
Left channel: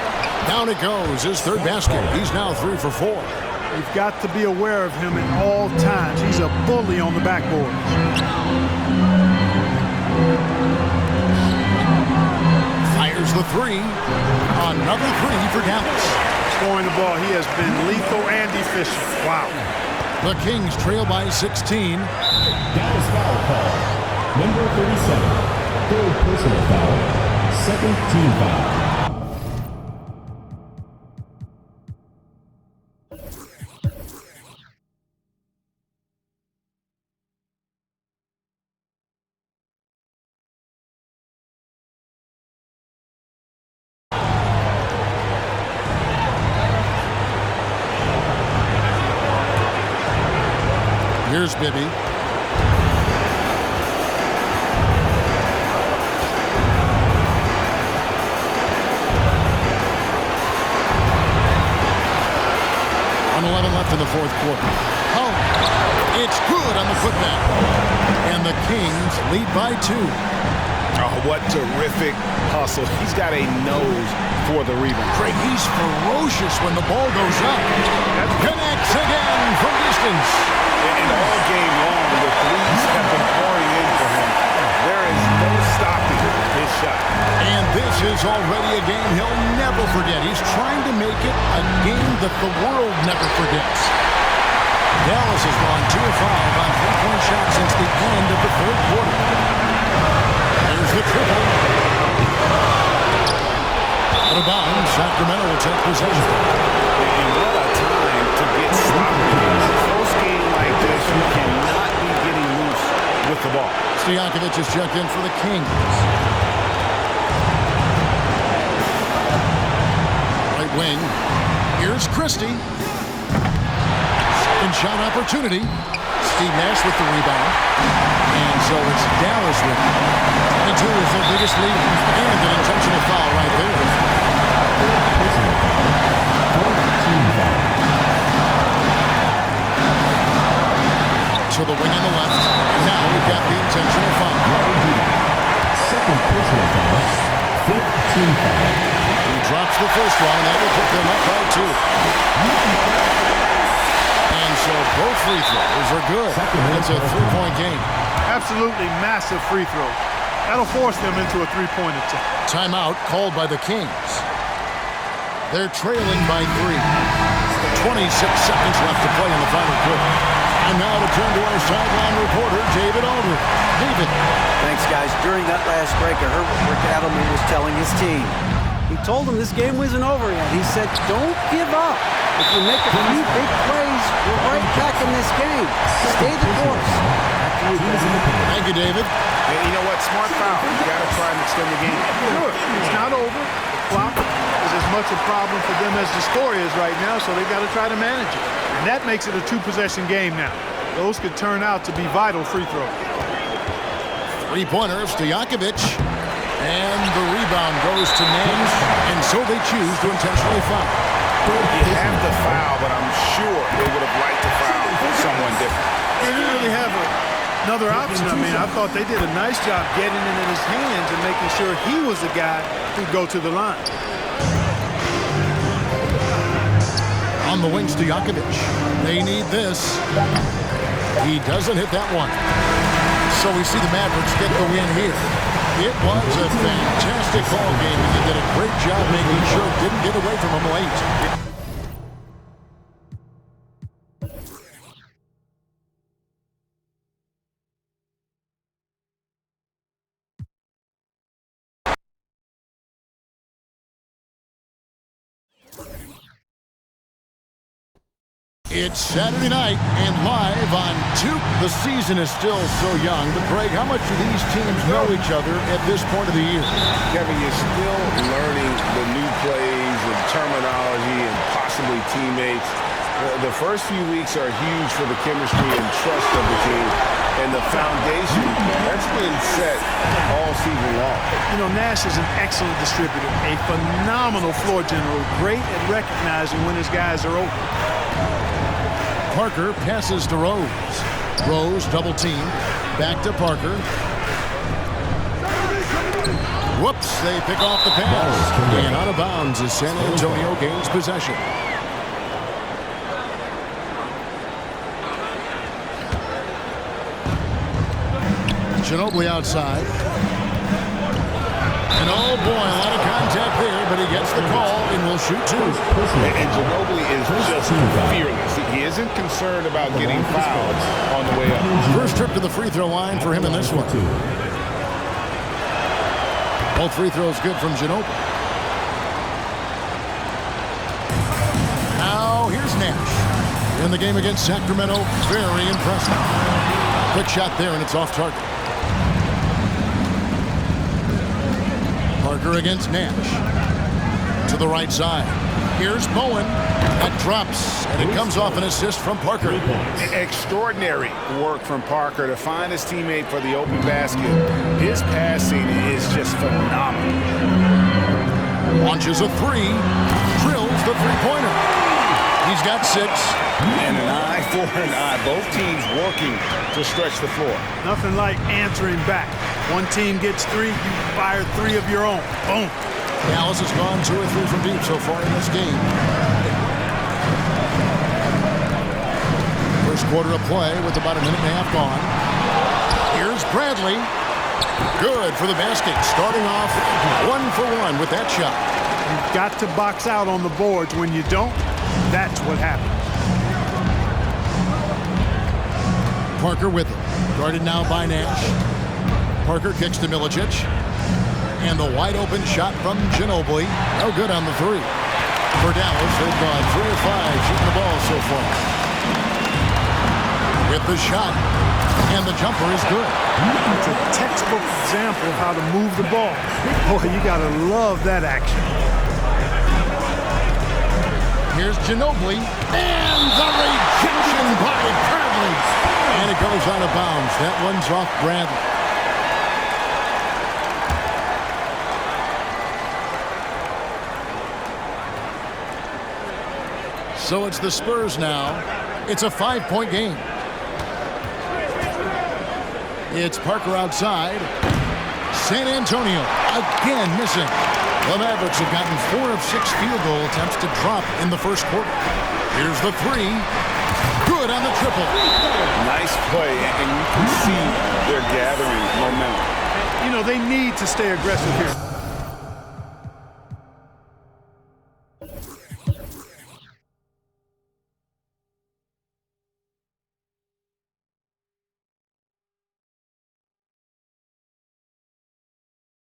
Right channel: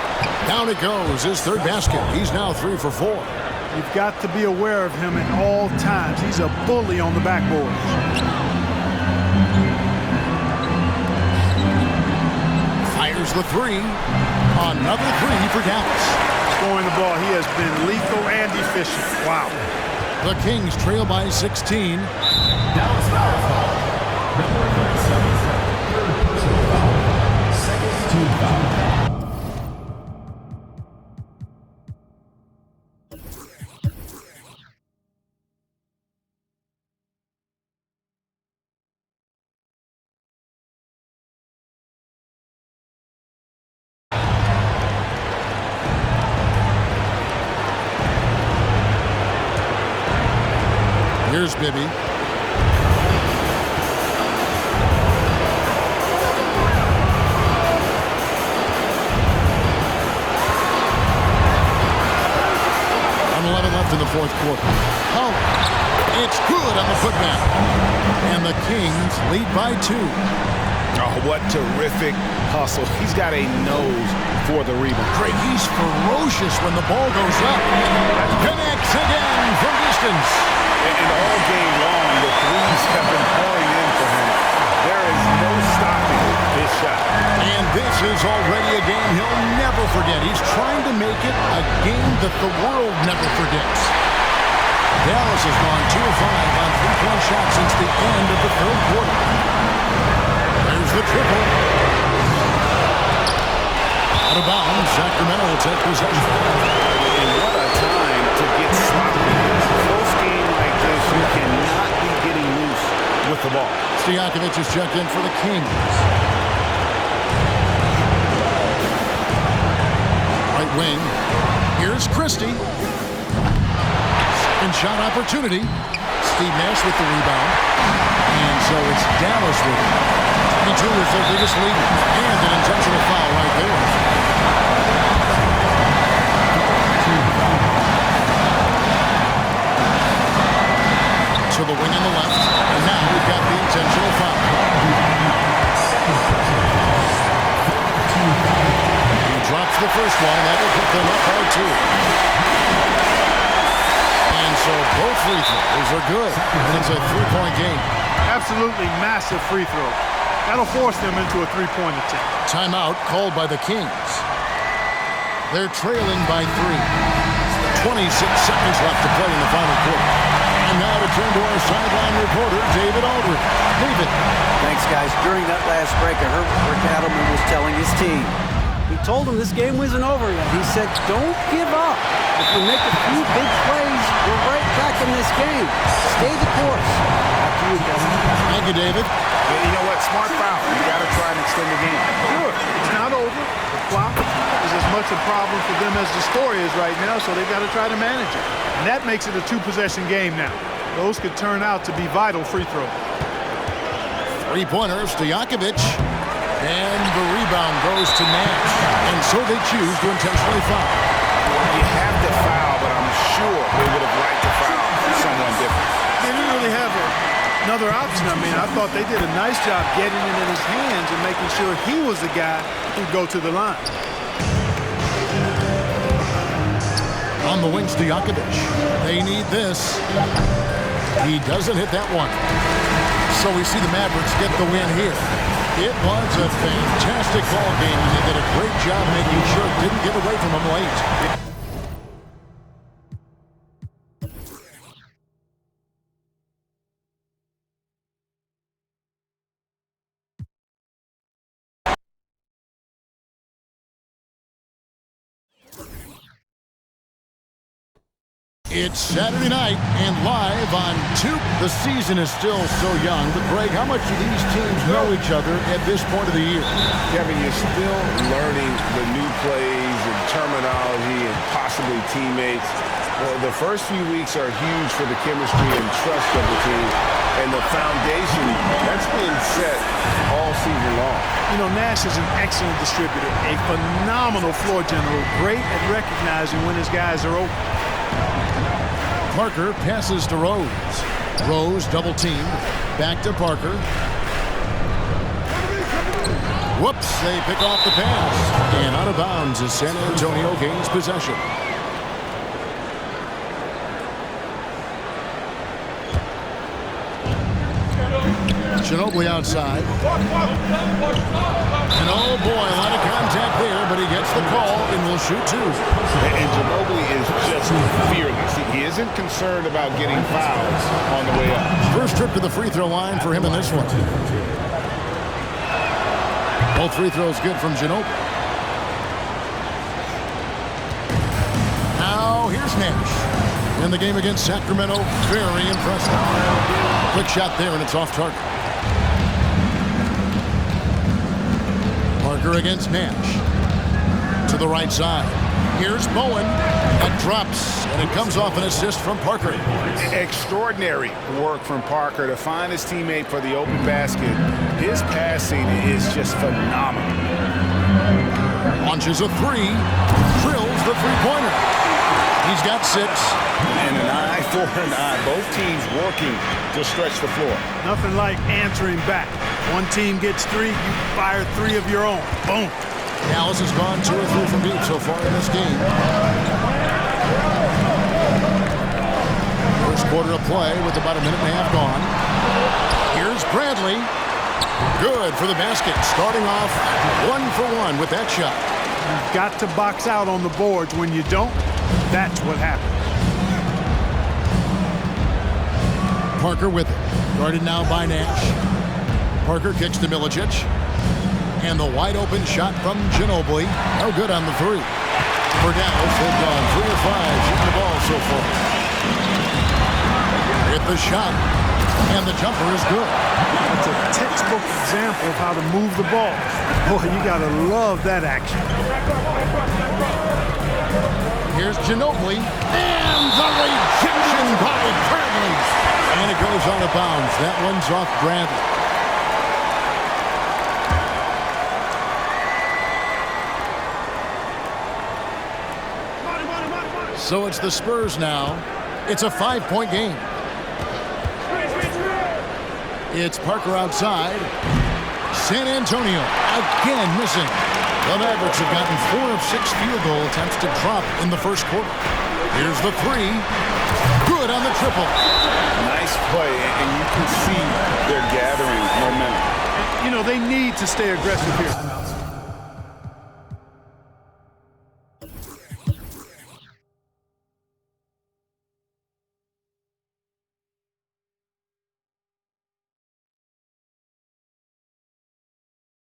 Down it goes. His 3rd basket. He's now 3 for 4. You've got to be aware of him at all times. He's a bully on the backboard. Fires the 3. Another 3 for Dallas. Scoring the ball, he has been lethal and efficient. Wow. The Kings trail by 16. Dallas foul call. Number 37. 3rd personal foul. 2nd team foul. Here's Bibby. .11 left in the 4th quarter. Oh, it's good on the putback. And the Kings lead by 2. Oh, what terrific hustle. He's got a nose for the rebound. Craig, he's ferocious when the ball goes up. Connects again from distance. And all game long, the threes have been pouring in for him. There is no stopping his shot. And this is already a game he'll never forget. He's trying to make it a game that the world never forgets. Dallas has gone 2 of 5 on 3-point shots since the end of the 3rd quarter. There's the triple. Out of bounds, Sacramento will take possession. And what a time to get sloppy. Close game like this, you cannot be getting loose with the ball. Stojakovic is checked in for the Kings. Right wing. Here's Christie. Second shot opportunity. Steve Nash with the rebound. And so it's Dallas with 22 is their biggest lead. And an intentional foul right there. To the wing on the left. And now we've got the intentional foul. Second personal foul. 15 foul. He drops the first one, and that will put them up by 2. And so both free throws are good. It's a 3-point game. Absolutely massive free throws. That'll force them into a three-point attempt. Timeout called by the Kings. They're trailing by 3. 26 seconds left to play in the final quarter. And now to turn to our sideline reporter, David Aldridge. David. Thanks, guys. During that last break, I heard what Rick Adelman was telling his team. He told them this game wasn't over yet. He said, don't give up. If you make a few big plays, you're right back in this game. Stay the course. Back to you, Kevin. Thank you, David. Yeah, you know what? Smart foul. You got to try and extend the game. Sure, it's not over. The clock is as much a problem for them as the score is right now, so they've got to try to manage it. And that makes it a 2-possession game now. Those could turn out to be vital free throws. Three-pointer of Stojakovic. And the rebound goes to Nash. And so they choose to intentionally foul. You have to foul, but I'm sure they would have liked to foul someone different. They didn't really have another option. I mean, I thought they did a nice job getting it in his hands and making sure he was the guy who'd go to the line. On the wing, Stojakovic. They need this. He doesn't hit that one. So we see the Mavericks get the win here. It was a fantastic ball game, and they did a great job making sure it didn't get away from them late. It's Saturday night and live on 2. The season is still so young, but Greg, how much do these teams know each other at this point of the year? Kevin, you're still learning the new plays and terminology and possibly teammates. The first few weeks are huge for the chemistry and trust of the team. And the foundation, that's been set all season long. You know, Nash is an excellent distributor, a phenomenal floor general, great at recognizing when his guys are open. Parker passes to Rose. Rose double-teamed. Back to Parker. Whoops, they pick off the pass. And out of bounds as San Antonio gains possession. Ginobili outside. And oh boy, a lot of contact there, but he gets the call and will shoot 2. And Ginobili is just fearless. He isn't concerned about getting fouls on the way up. First trip to the free throw line for him in this one. Both free throws good from Ginobili. Now here's Nash. In the game against Sacramento, very impressive. Quick shot there, and it's off target. Parker against Nash. To the right side. Here's Bowen. That drops, and it comes off an assist from Parker. Extraordinary work from Parker to find his teammate for the open basket. His passing is just phenomenal. Launches a 3. Drills the three-pointer. He's got 6. And an eye for an eye. Both teams working to stretch the floor. Nothing like answering back. One team gets 3, you fire 3 of your own. Boom. Dallas has gone 2 or 3 from deep so far in this game. First quarter of play with about a minute and a half gone. Here's Bradley. Good for the basket. Starting off 1 for 1 with that shot. You've got to box out on the boards. When you don't, that's what happens. Parker with it. Guarded now by Nash. Parker kicks to Milicic. And the wide open shot from Ginobili. No good on the three. For Dallas, they've gone 3 of 5 shooting the ball so far. Hit the shot. And the jumper is good. It's a textbook example of how to move the ball. Boy, you got to love that action. Here's Ginobili. And the rejection by Bradley. And it goes out of bounds. That one's off Bradley. So it's the Spurs now. It's a 5-point game. It's Parker outside. San Antonio again missing. The Mavericks have gotten 4 of 6 field goal attempts to drop in the first quarter. Here's the three. Good on the triple. Nice play, and you can see they're gathering momentum. You know, they need to stay aggressive here.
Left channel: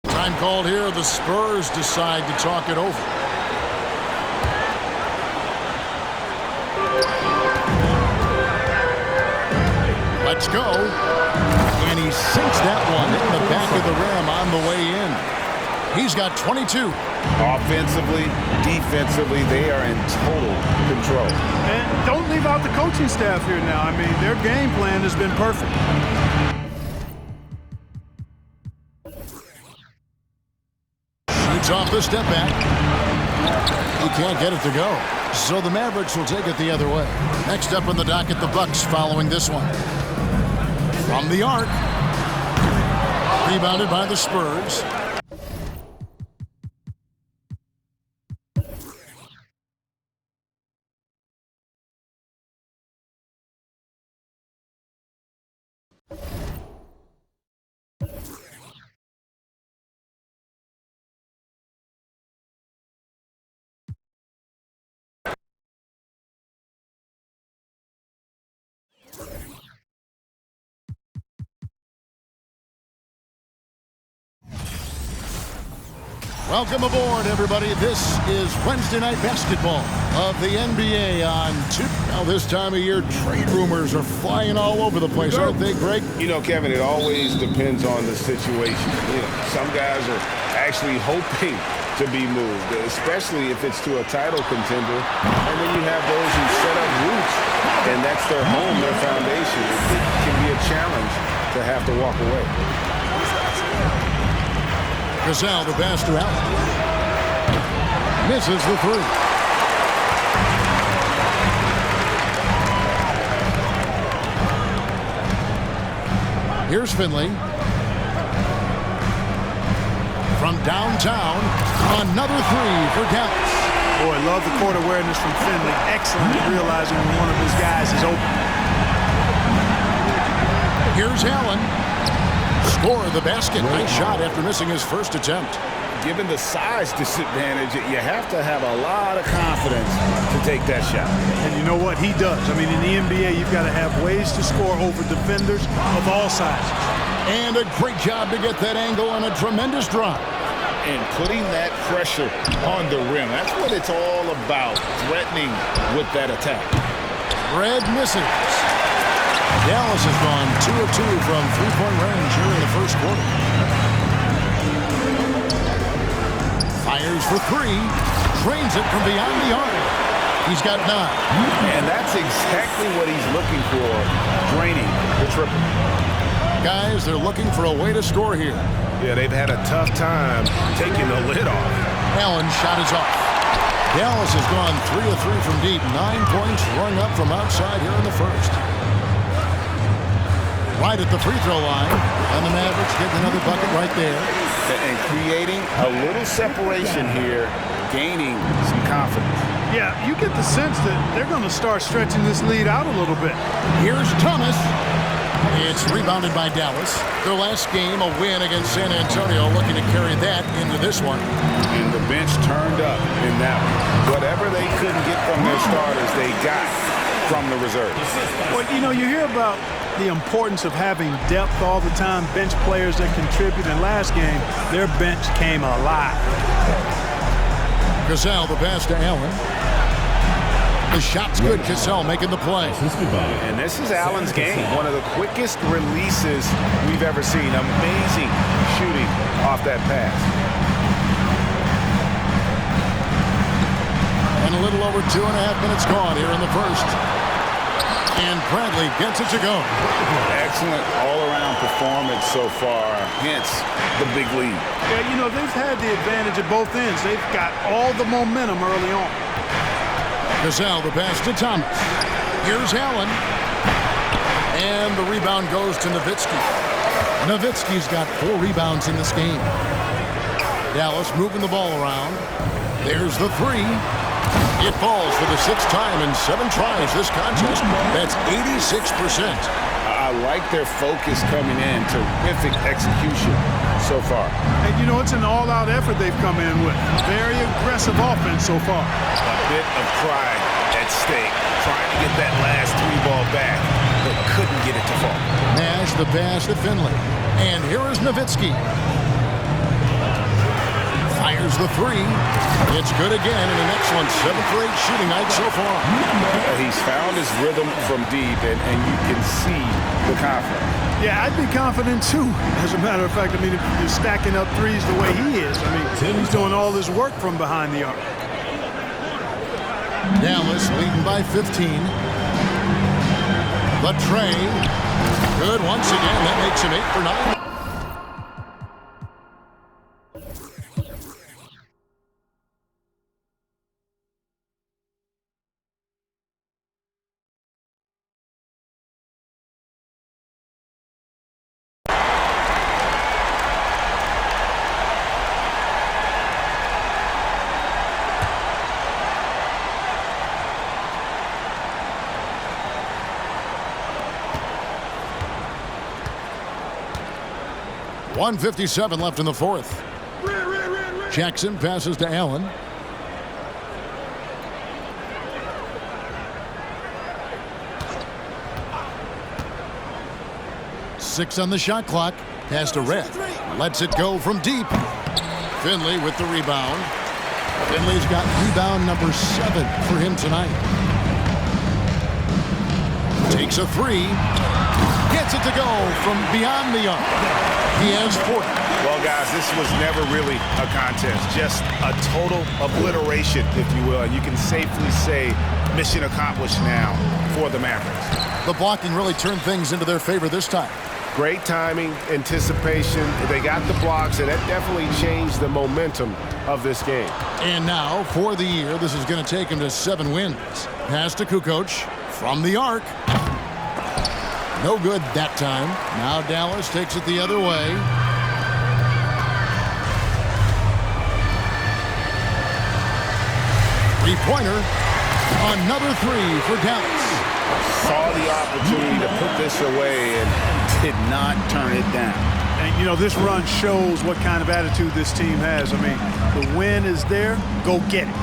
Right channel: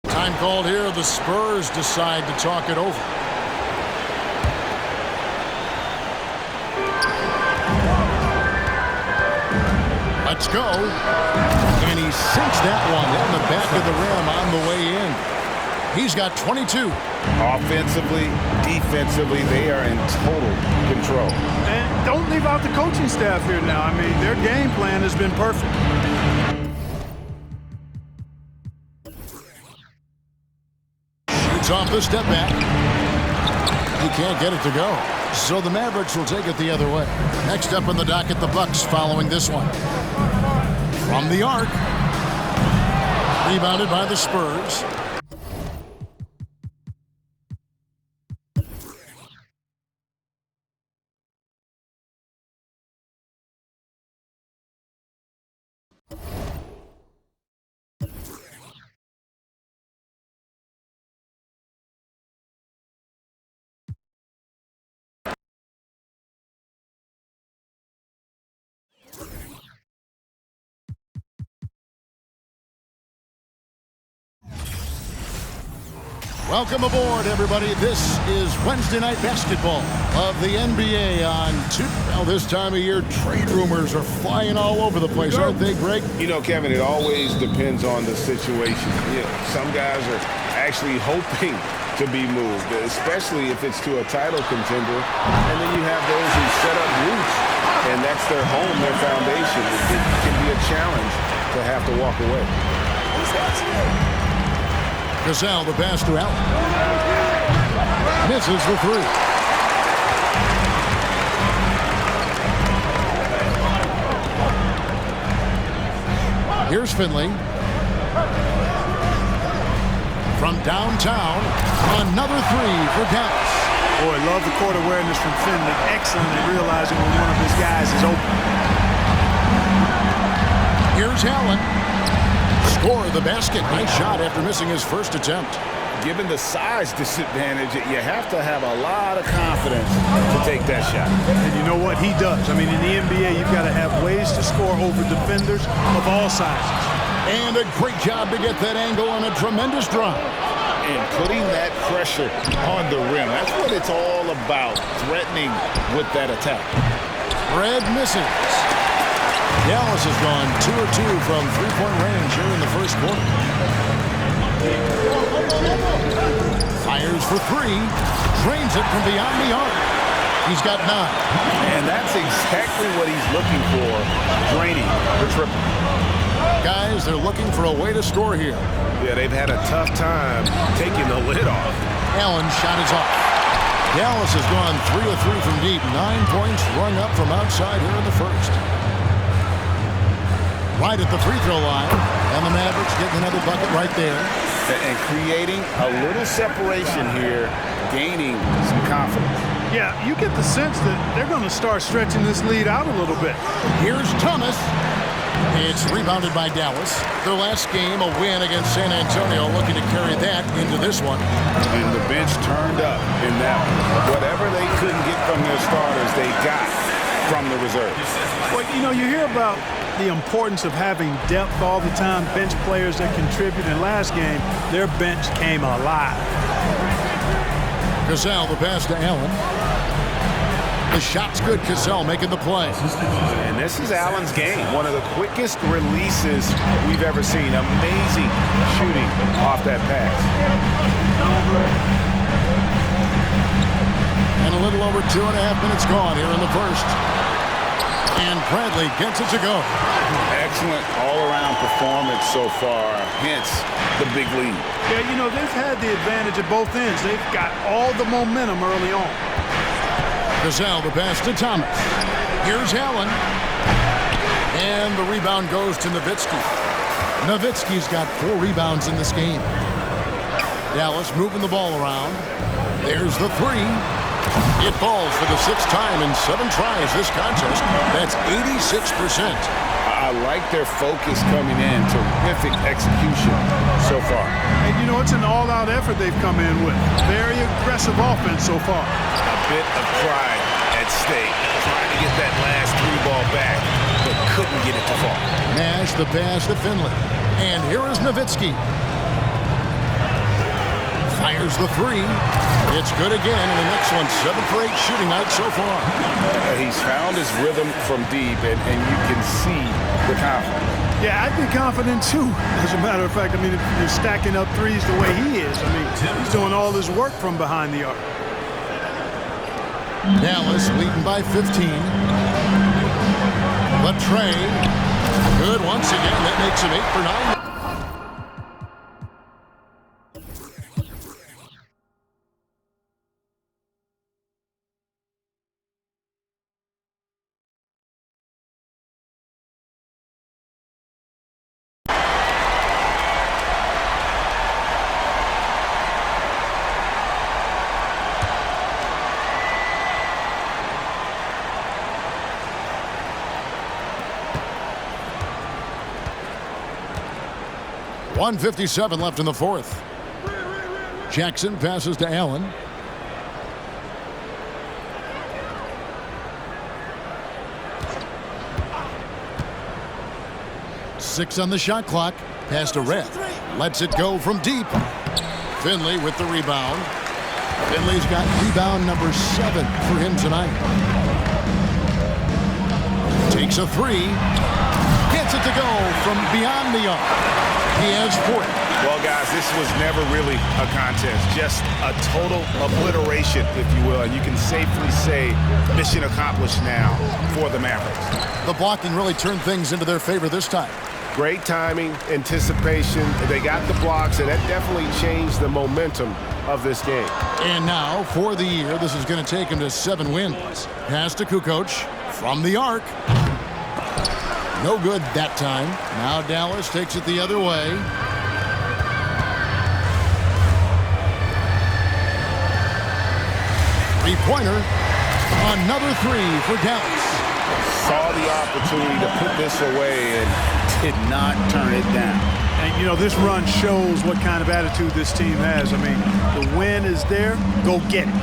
Time called here. The Spurs decide to talk it over. Let's go. And he sinks that one, hitting the back of the rim on the way in. He's got 22. Offensively, defensively, they are in total control. And don't leave out the coaching staff here now. I mean, their game plan has been perfect. Shoots off the step back. He can't get it to go. So the Mavericks will take it the other way. Next up on the docket, the Bucks following this one. From the arc. Rebounded by the Spurs. Welcome aboard, everybody. This is Wednesday Night Basketball of the NBA on well, this time of year, trade rumors are flying all over the place, aren't they, Greg? You know, Kevin, it always depends on the situation. You know, some guys are actually hoping to be moved, especially if it's to a title contender. And then you have those who set up roots, and that's their home, their foundation. It can be a challenge to have to walk away. Gasol, the pass to Allen. Misses the three. Here's Finley. From downtown, another three for Dallas. Boy, love the court awareness from Finley. Excellent at realizing when one of his guys is open. Here's Allen. Score the basket. Nice shot after missing his first attempt. Given the size disadvantage, you have to have a lot of confidence to take that shot. And you know what? He does. I mean, in the NBA, you've got to have ways to score over defenders of all sizes. And a great job to get that angle and a tremendous drive. And putting that pressure on the rim. That's what it's all about, threatening with that attack. Red misses. Dallas has gone 2 of 2 from three-point range here in the first quarter. Fires for three. Drains it from beyond the arc. He's got 9. And that's exactly what he's looking for, draining the triple. Guys, they're looking for a way to score here. Yeah, they've had a tough time taking the lid off. Allen's shot is off. Dallas has gone 3 of 3 from deep. 9 points rung up from outside here in the first. Right at the free throw line. And the Mavericks getting another bucket right there. And creating a little separation here, gaining some confidence. Yeah, you get the sense that they're going to start stretching this lead out a little bit. Here's Thomas. It's rebounded by Dallas. Their last game, a win against San Antonio, looking to carry that into this one. And the bench turned up in that one. Whatever they couldn't get from their starters, they got from the reserves. Well, you know, you hear about the importance of having depth all the time, bench players that contribute. In last game, their bench came alive. Cassell, the pass to Allen. The shot's good. Cassell making the play. And this is Allen's game. One of the quickest releases we've ever seen. Amazing shooting off that pass. And a little over 2.5 minutes gone here in the first. And Bradley gets it to go. Excellent all-around performance so far, hence the big lead. Yeah, you know, they've had the advantage at both ends. They've got all the momentum early on. Cassell, the pass to Thomas. Here's Allen. And the rebound goes to Nowitzki. Nowitzki's got 4 rebounds in this game. Dallas moving the ball around. There's the 3. It falls for the 6th time in 7 tries this contest. That's 86%. I like their focus coming in. Terrific execution so far. And, you know, it's an all-out effort they've come in with. Very aggressive offense so far. A bit of pride at stake. Trying to get that last 3 ball back, but couldn't get it to fall. Nash the pass to Finley. And here is Nowitzki. Fires the 3. It's good again, and an excellent 7 for 8 shooting night so far. He's found his rhythm from deep, and you can see the confidence. Yeah, I'd be confident too. As a matter of fact, I mean, if you're stacking up threes the way he is, I mean, he's doing all this work from behind the arc. Dallas leading by 15. The tray. Good once again. That makes him 8 for 9. .157 left in the fourth. Jackson passes to Allen. Six on the shot clock. Pass to Red. Lets it go from deep. Finley with the rebound. Finley's got rebound number 7 for him tonight. Takes a 3. Gets it to go from beyond the arc. He has 40. Well, guys, this was never really a contest. Just a total obliteration, if you will. And you can safely say mission accomplished now for the Mavericks. The blocking really turned things into their favor this time. Great timing, anticipation. They got the blocks, and that definitely changed the momentum of this game. And now, for the year, this is going to take him to 7 wins. Pass to Kukoc from the arc. No good that time. Now Dallas takes it the other way. Three-pointer. Another 3 for Dallas. Saw the opportunity to put this away and did not turn it down. And, you know, this run shows what kind of attitude this team has. I mean, the win is there. Go get it.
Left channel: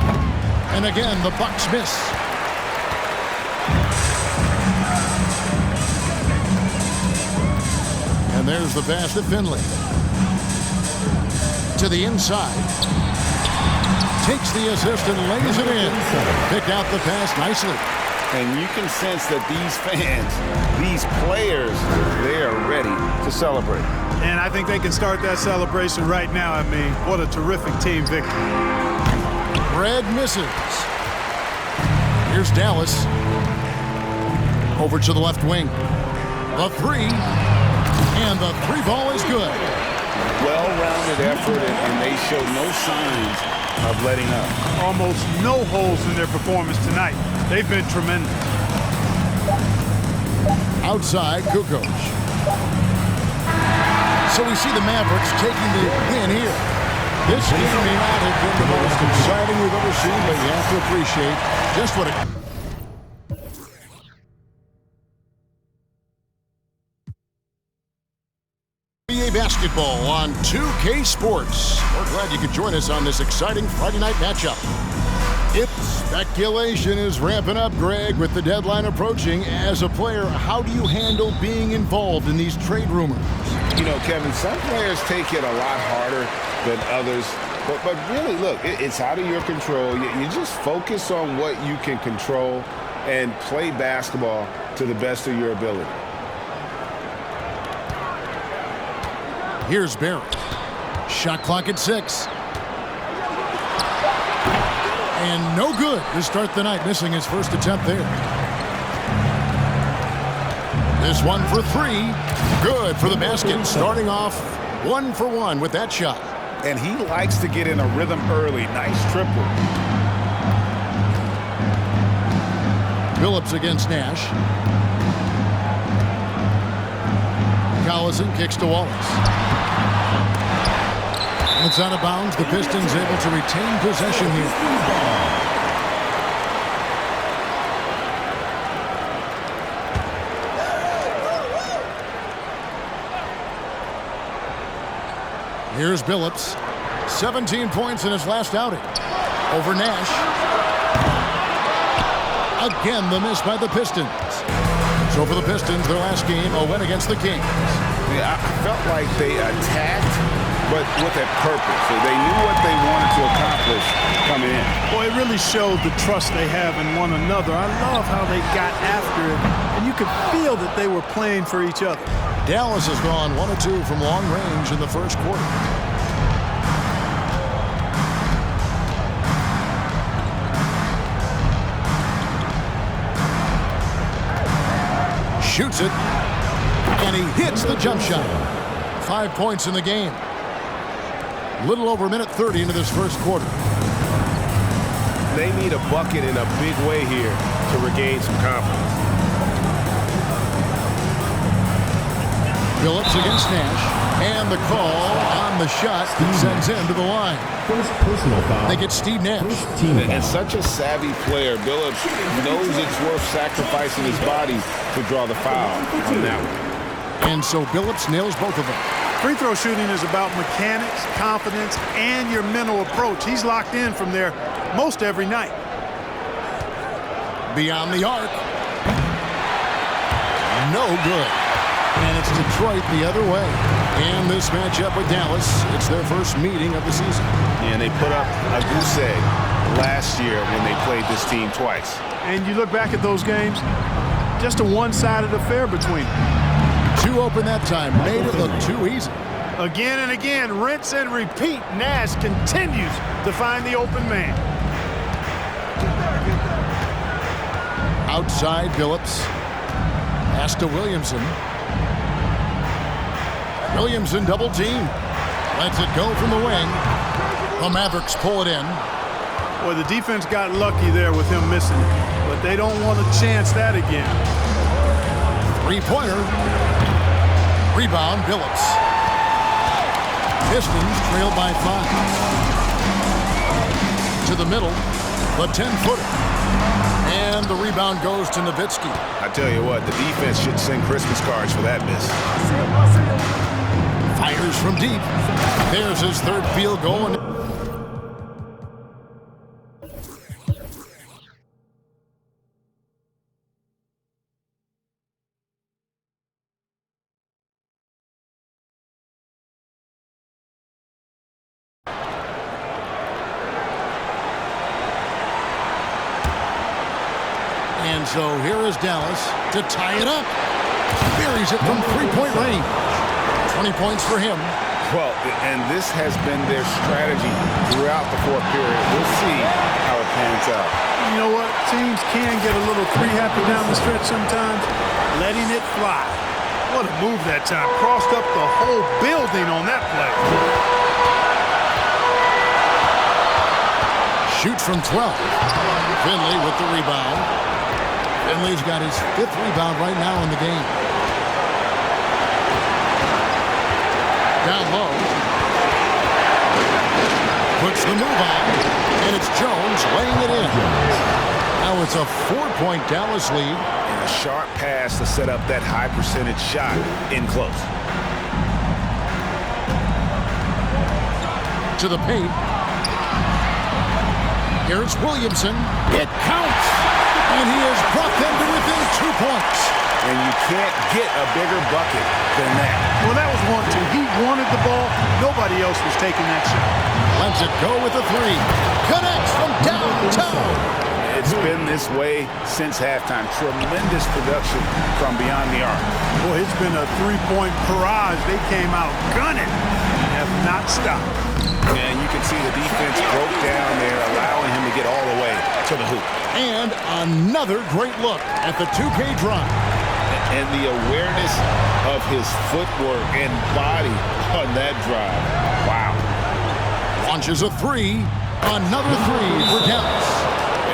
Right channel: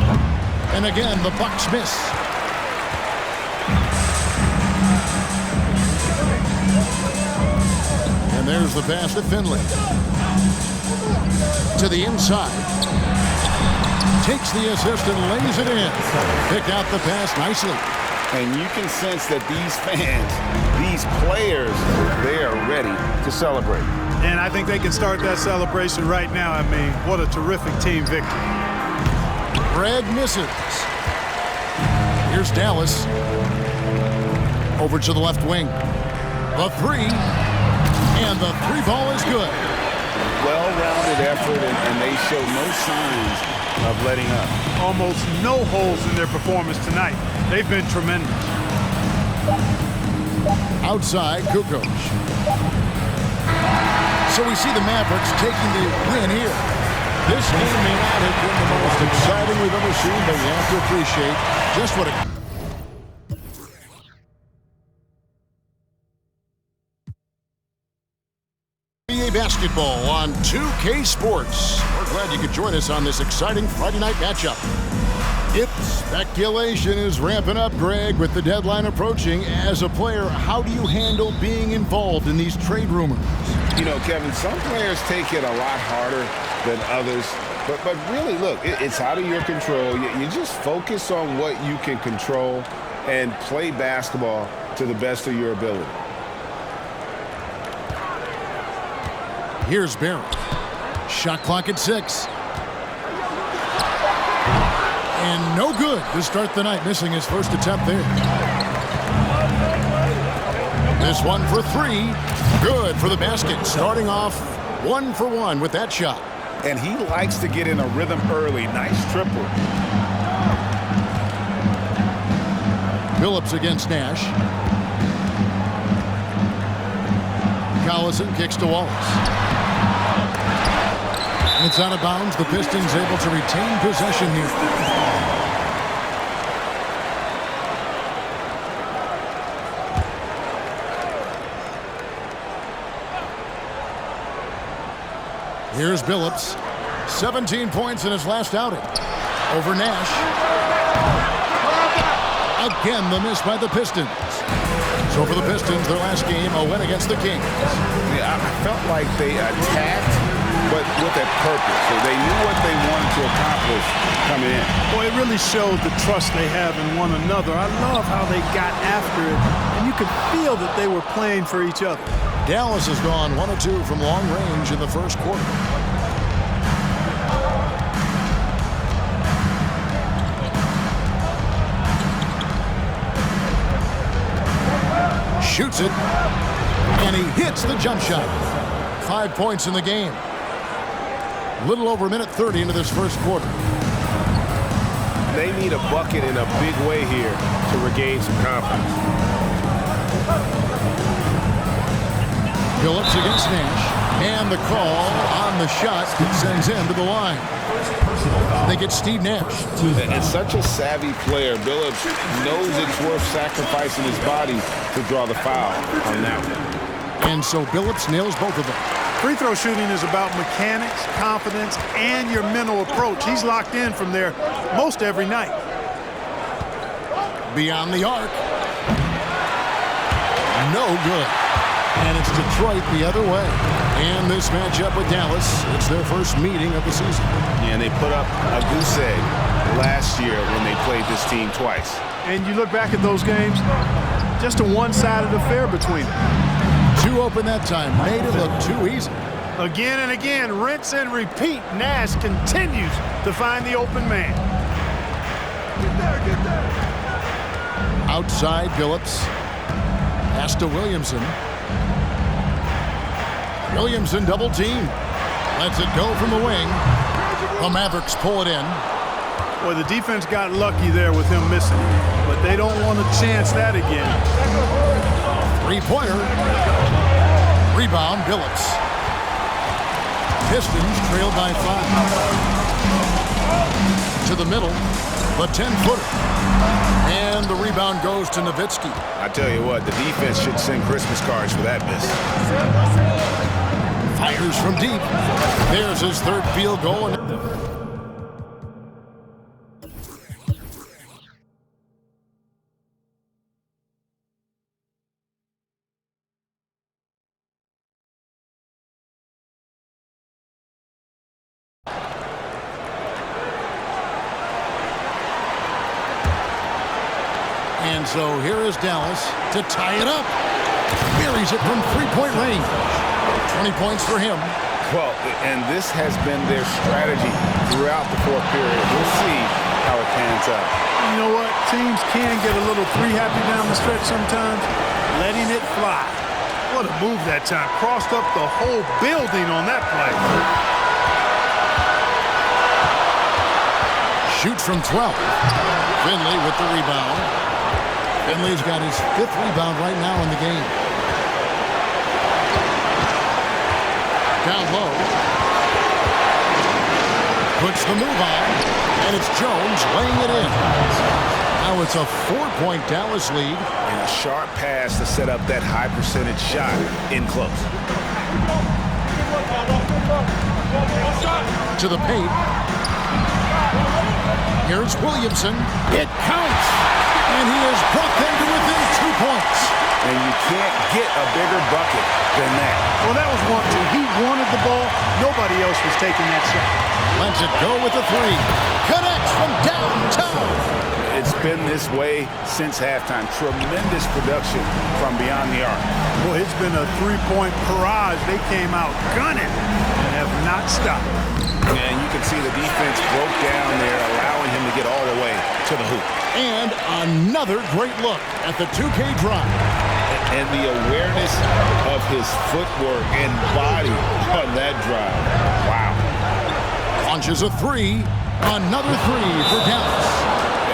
And again, the Bucks miss. And there's the pass to Finley. To the inside. Takes the assist and lays it in. Picked out the pass nicely. And you can sense that these fans, these players, they are ready to celebrate. And I think they can start that celebration right now. I mean, what a terrific team victory. Red misses. Here's Dallas. Over to the left wing. The 3. And the 3 ball is good. Well-rounded effort, and they show no signs of letting up. Almost no holes in their performance tonight. They've been tremendous. Outside, Kukoc. So we see the Mavericks taking the win here. This game may not have been the most exciting we've ever seen, but you have to appreciate just what a... NBA basketball on 2K Sports. We're glad you could join us on this exciting Friday night matchup. Speculation is ramping up, Greg, with the deadline approaching. As a player, how do you handle being involved in these trade rumors? You know, Kevin, some players take it a lot harder than others. But really, look, it's out of your control. You just focus on what you can control and play basketball to the best of your ability. Here's Barry. Shot clock at 6. And no good to start the night, missing his first attempt there. This one for 3. Good for the basket. Starting off 1 for 1 with that shot. And he likes to get in a rhythm early. Nice triple. Phillips against Nash. Collison kicks to Wallace. And it's out of bounds. The Pistons able to retain possession here. Here's Billups. 17 points in his last outing. Over Nash. Again, the miss by the Pistons. So for the Pistons, their last game, a win against the Kings. Yeah, I felt like they attacked, but with a purpose. So they knew what they wanted to accomplish coming in. Boy, it really showed the trust they have in one another. I love how they got after it, and you could feel that they were playing for each other. Dallas has gone 1 of 2 from long range in the first quarter. Shoots it, and he hits the jump shot. 5 points in the game. Little over a minute 30 into this first quarter. They need a bucket in a big way here to regain some confidence. Phillips against Nash, and the call on the shot that sends him to the line. First personal foul. They get Steve Nash. And such a savvy player, Billups knows it's worth sacrificing his body to draw the foul on that one. And so Billups nails both of them. Free throw shooting is about mechanics, confidence, and your mental approach. He's locked in from there most every night. Beyond the arc. No good. And it's Detroit the other way. And this matchup with Dallas, it's their first meeting of the season. Yeah, and they put up a goose egg last year when they played this team twice. And you look back at those games, just a one-sided affair between them. 2 open that time, made it look too easy. Again and again, rinse and repeat. Nash continues to find the open man. Get there. Outside, Billups. Pass to Williamson. Williamson double team. Lets it go from the wing. The Mavericks pull it in. Boy, the defense got lucky there with him missing it, but they don't want to chance that again. 3-pointer. Rebound, Billups. Pistons trail by 5. To the middle, the 10-footer. And the rebound goes to Nowitzki. I tell you what, the defense should send Christmas cards for that miss. Fires from deep. There's his third field goal. And so here is Dallas to tie it up. Buries it from 3-point range. 20 points for him. Well, and this has been their strategy throughout the fourth period. We'll see how it pans out. You know what? Teams can get a little three-happy down the stretch sometimes. Letting it fly. What a move that time. Crossed up the whole building on that play. Shoots from 12. Finley with the rebound. Finley's got his 5th rebound right now in the game. Down low. Puts the move on. And it's Jones laying it in. Now it's a 4-point Dallas lead. And a sharp pass to set up that high percentage shot in close. To the paint. Here's Williamson. It counts. And he has brought them to within 2 points. And you can't get a bigger bucket than that. Well, that was 1-2. He wanted the ball. Nobody else was taking that shot. Lets it go with a three. Connects from downtown. It's been this way since halftime. Tremendous production from beyond the arc. Boy, it's been a three-point barrage. They came out gunning and have not stopped. And you can see the defense broke down there, allowing him to get all the way to the hoop. And another great look at the 2K drive. And the awareness of his footwork and body on that drive. Wow. Launches a three. Another three for Dallas.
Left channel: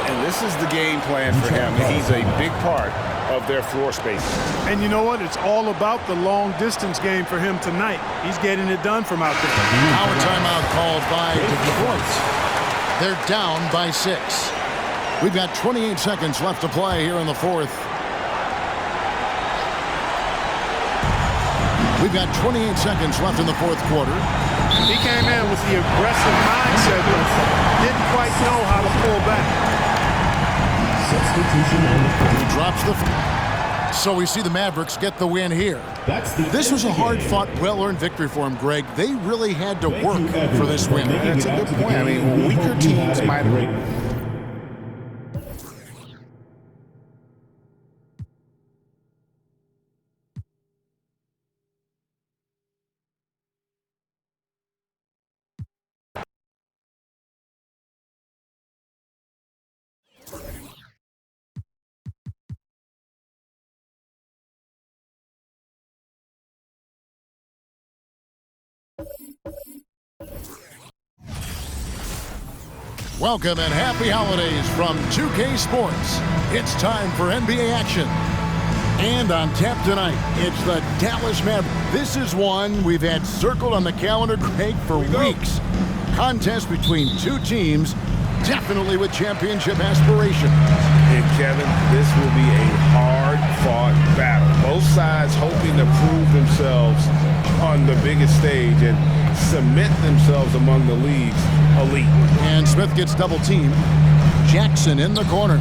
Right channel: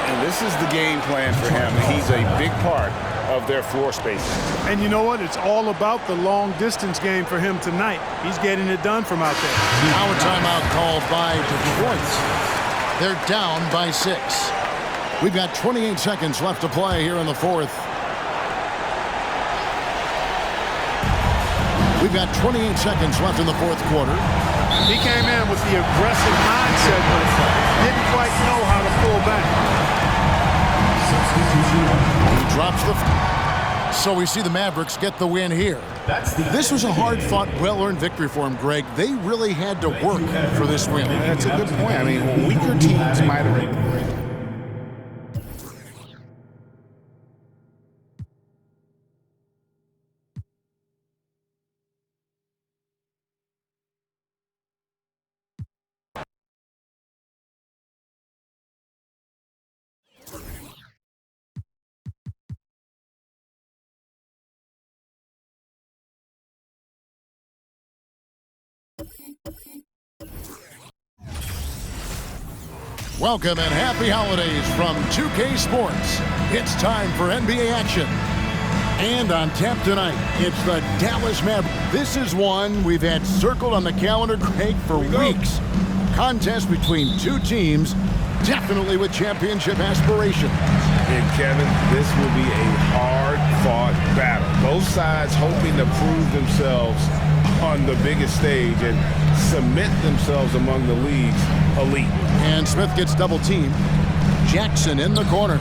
And this is the game plan for him. He's a big part of their floor space. And you know what? It's all about the long-distance game for him tonight. He's getting it done from out there. Now a timeout called by Detroit. They're down by 6. We've got 28 seconds left to play here in the fourth. We've got 28 seconds left in the fourth quarter. He came in with the aggressive mindset, but didn't quite know how to pull back. He drops the... So we see the Mavericks get the win here. This was a hard-fought, well-earned victory for him, Greg. They really had to work for this win. That's a good point. I mean, weaker teams might have... Welcome and happy holidays from 2K Sports. It's time for NBA action. And on tap tonight, it's the Dallas Mavericks. This is one we've had circled on the calendar, Greg, for weeks. A contest between two teams, definitely with championship aspirations. And Kevin, this will be a hard-fought battle. Both sides hoping to prove themselves on the biggest stage and cement themselves among the league's elite. And Smith gets double-teamed. Jackson in the corner.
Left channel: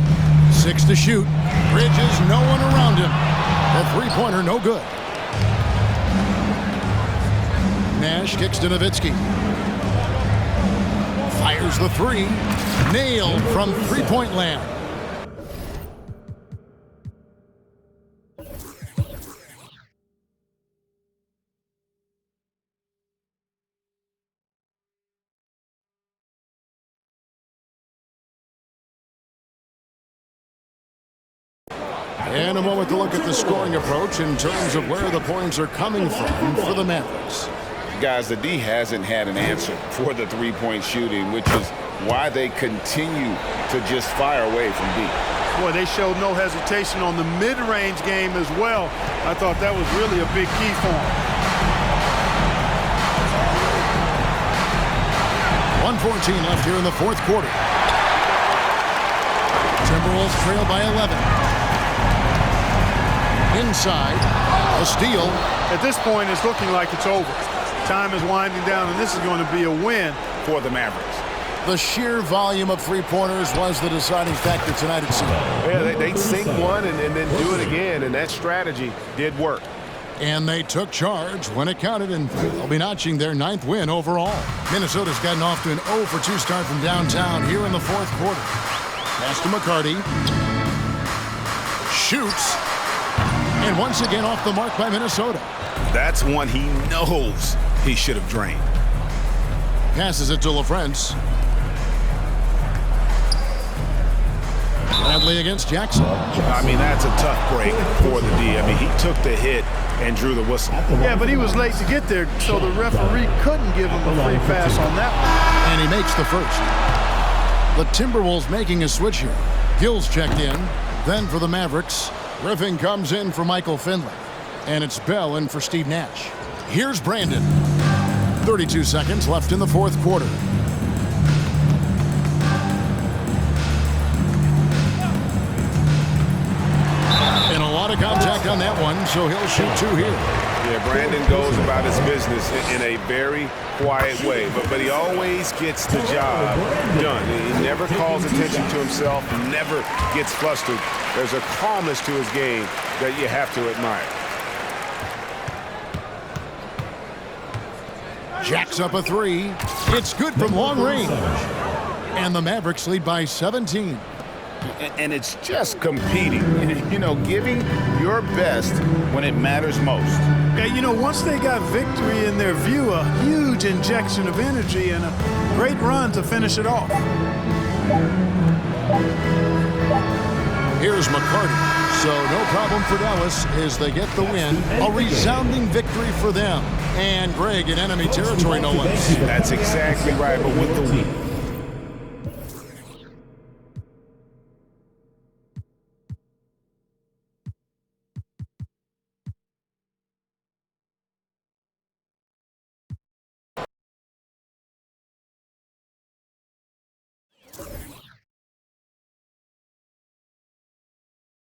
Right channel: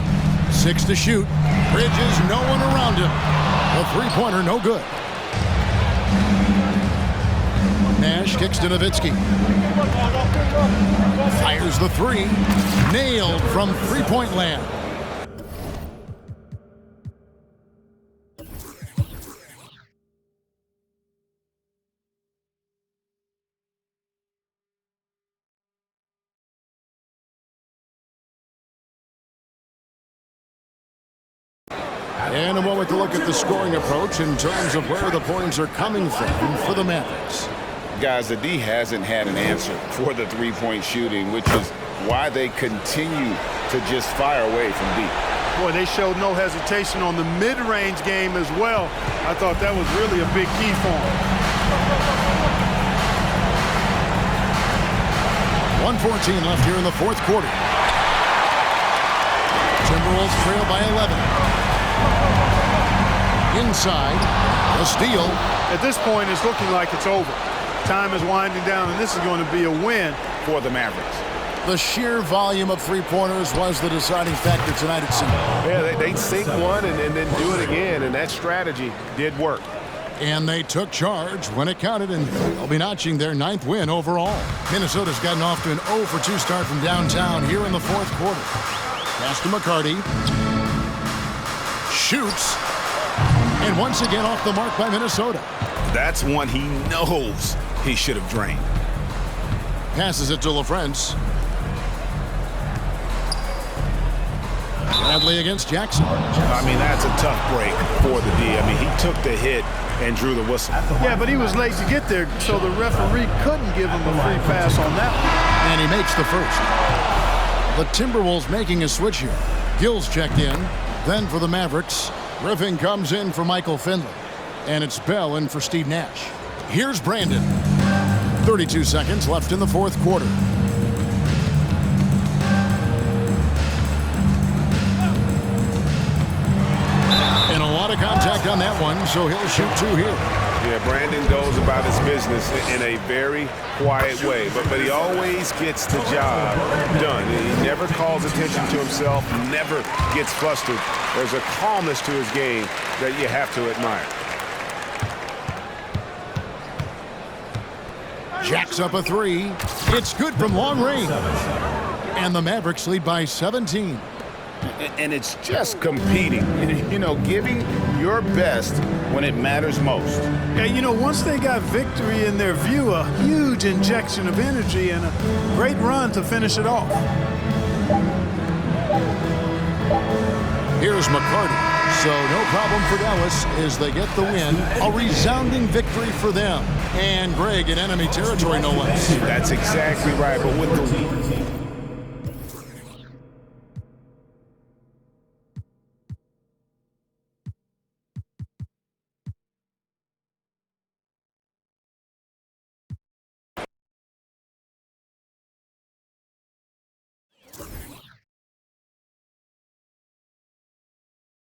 6 to shoot. Bridges, no one around him. The three-pointer, no good. Nash kicks to Nowitzki. Fires the three. Nailed from three-point land. And a moment to look at the scoring approach in terms of where the points are coming from for the Mavericks. Guys, the D hasn't had an answer for the three-point shooting, which is why they continue to just fire away from deep. Boy, they showed no hesitation on the mid-range game as well. I thought that was really a big key for them. 1:14 left here in the fourth quarter. Timberwolves trail by 11. Inside, a steal. At this point, it's looking like it's over. Time is winding down, and this is going to be a win for the Mavericks. The sheer volume of three-pointers was the deciding factor tonight, it seemed. Yeah, they'd sink one and then do it again, and that strategy did work. And they took charge when it counted, and they'll be notching their 9th win overall. Minnesota's gotten off to an 0-for-2 start from downtown here in the fourth quarter. Pass to McCarty. Shoots. And once again off the mark by Minnesota. That's one he knows he should have drained. Passes it to LaFrance. Bradley against Jackson. I mean, that's a tough break for the D. I mean, he took the hit and drew the whistle. Yeah, but he was late to get there, so the referee couldn't give him a free pass on that one. And he makes the first. The Timberwolves making a switch here. Gill's checked in. Then for the Mavericks, Griffin comes in for Michael Finley. And it's Bell in for Steve Nash. Here's Brandon. 32 seconds left in the fourth quarter. And a lot of contact on that one, so he'll shoot 2 here. Yeah, Brandon goes about his business in a very quiet way, but he always gets the job done. He never calls attention to himself, never gets flustered. There's a calmness to his game that you have to admire. Jacks up a three. It's good from long range. And the Mavericks lead by 17. And it's just competing, you know, giving your best when it matters most. Yeah, you know, once they got victory in their view, a huge injection of energy and a great run to finish it off. Here's McCarty. So no problem for Dallas as they get the win. A resounding victory for them. And Greg in enemy territory, no less. That's exactly right. But with the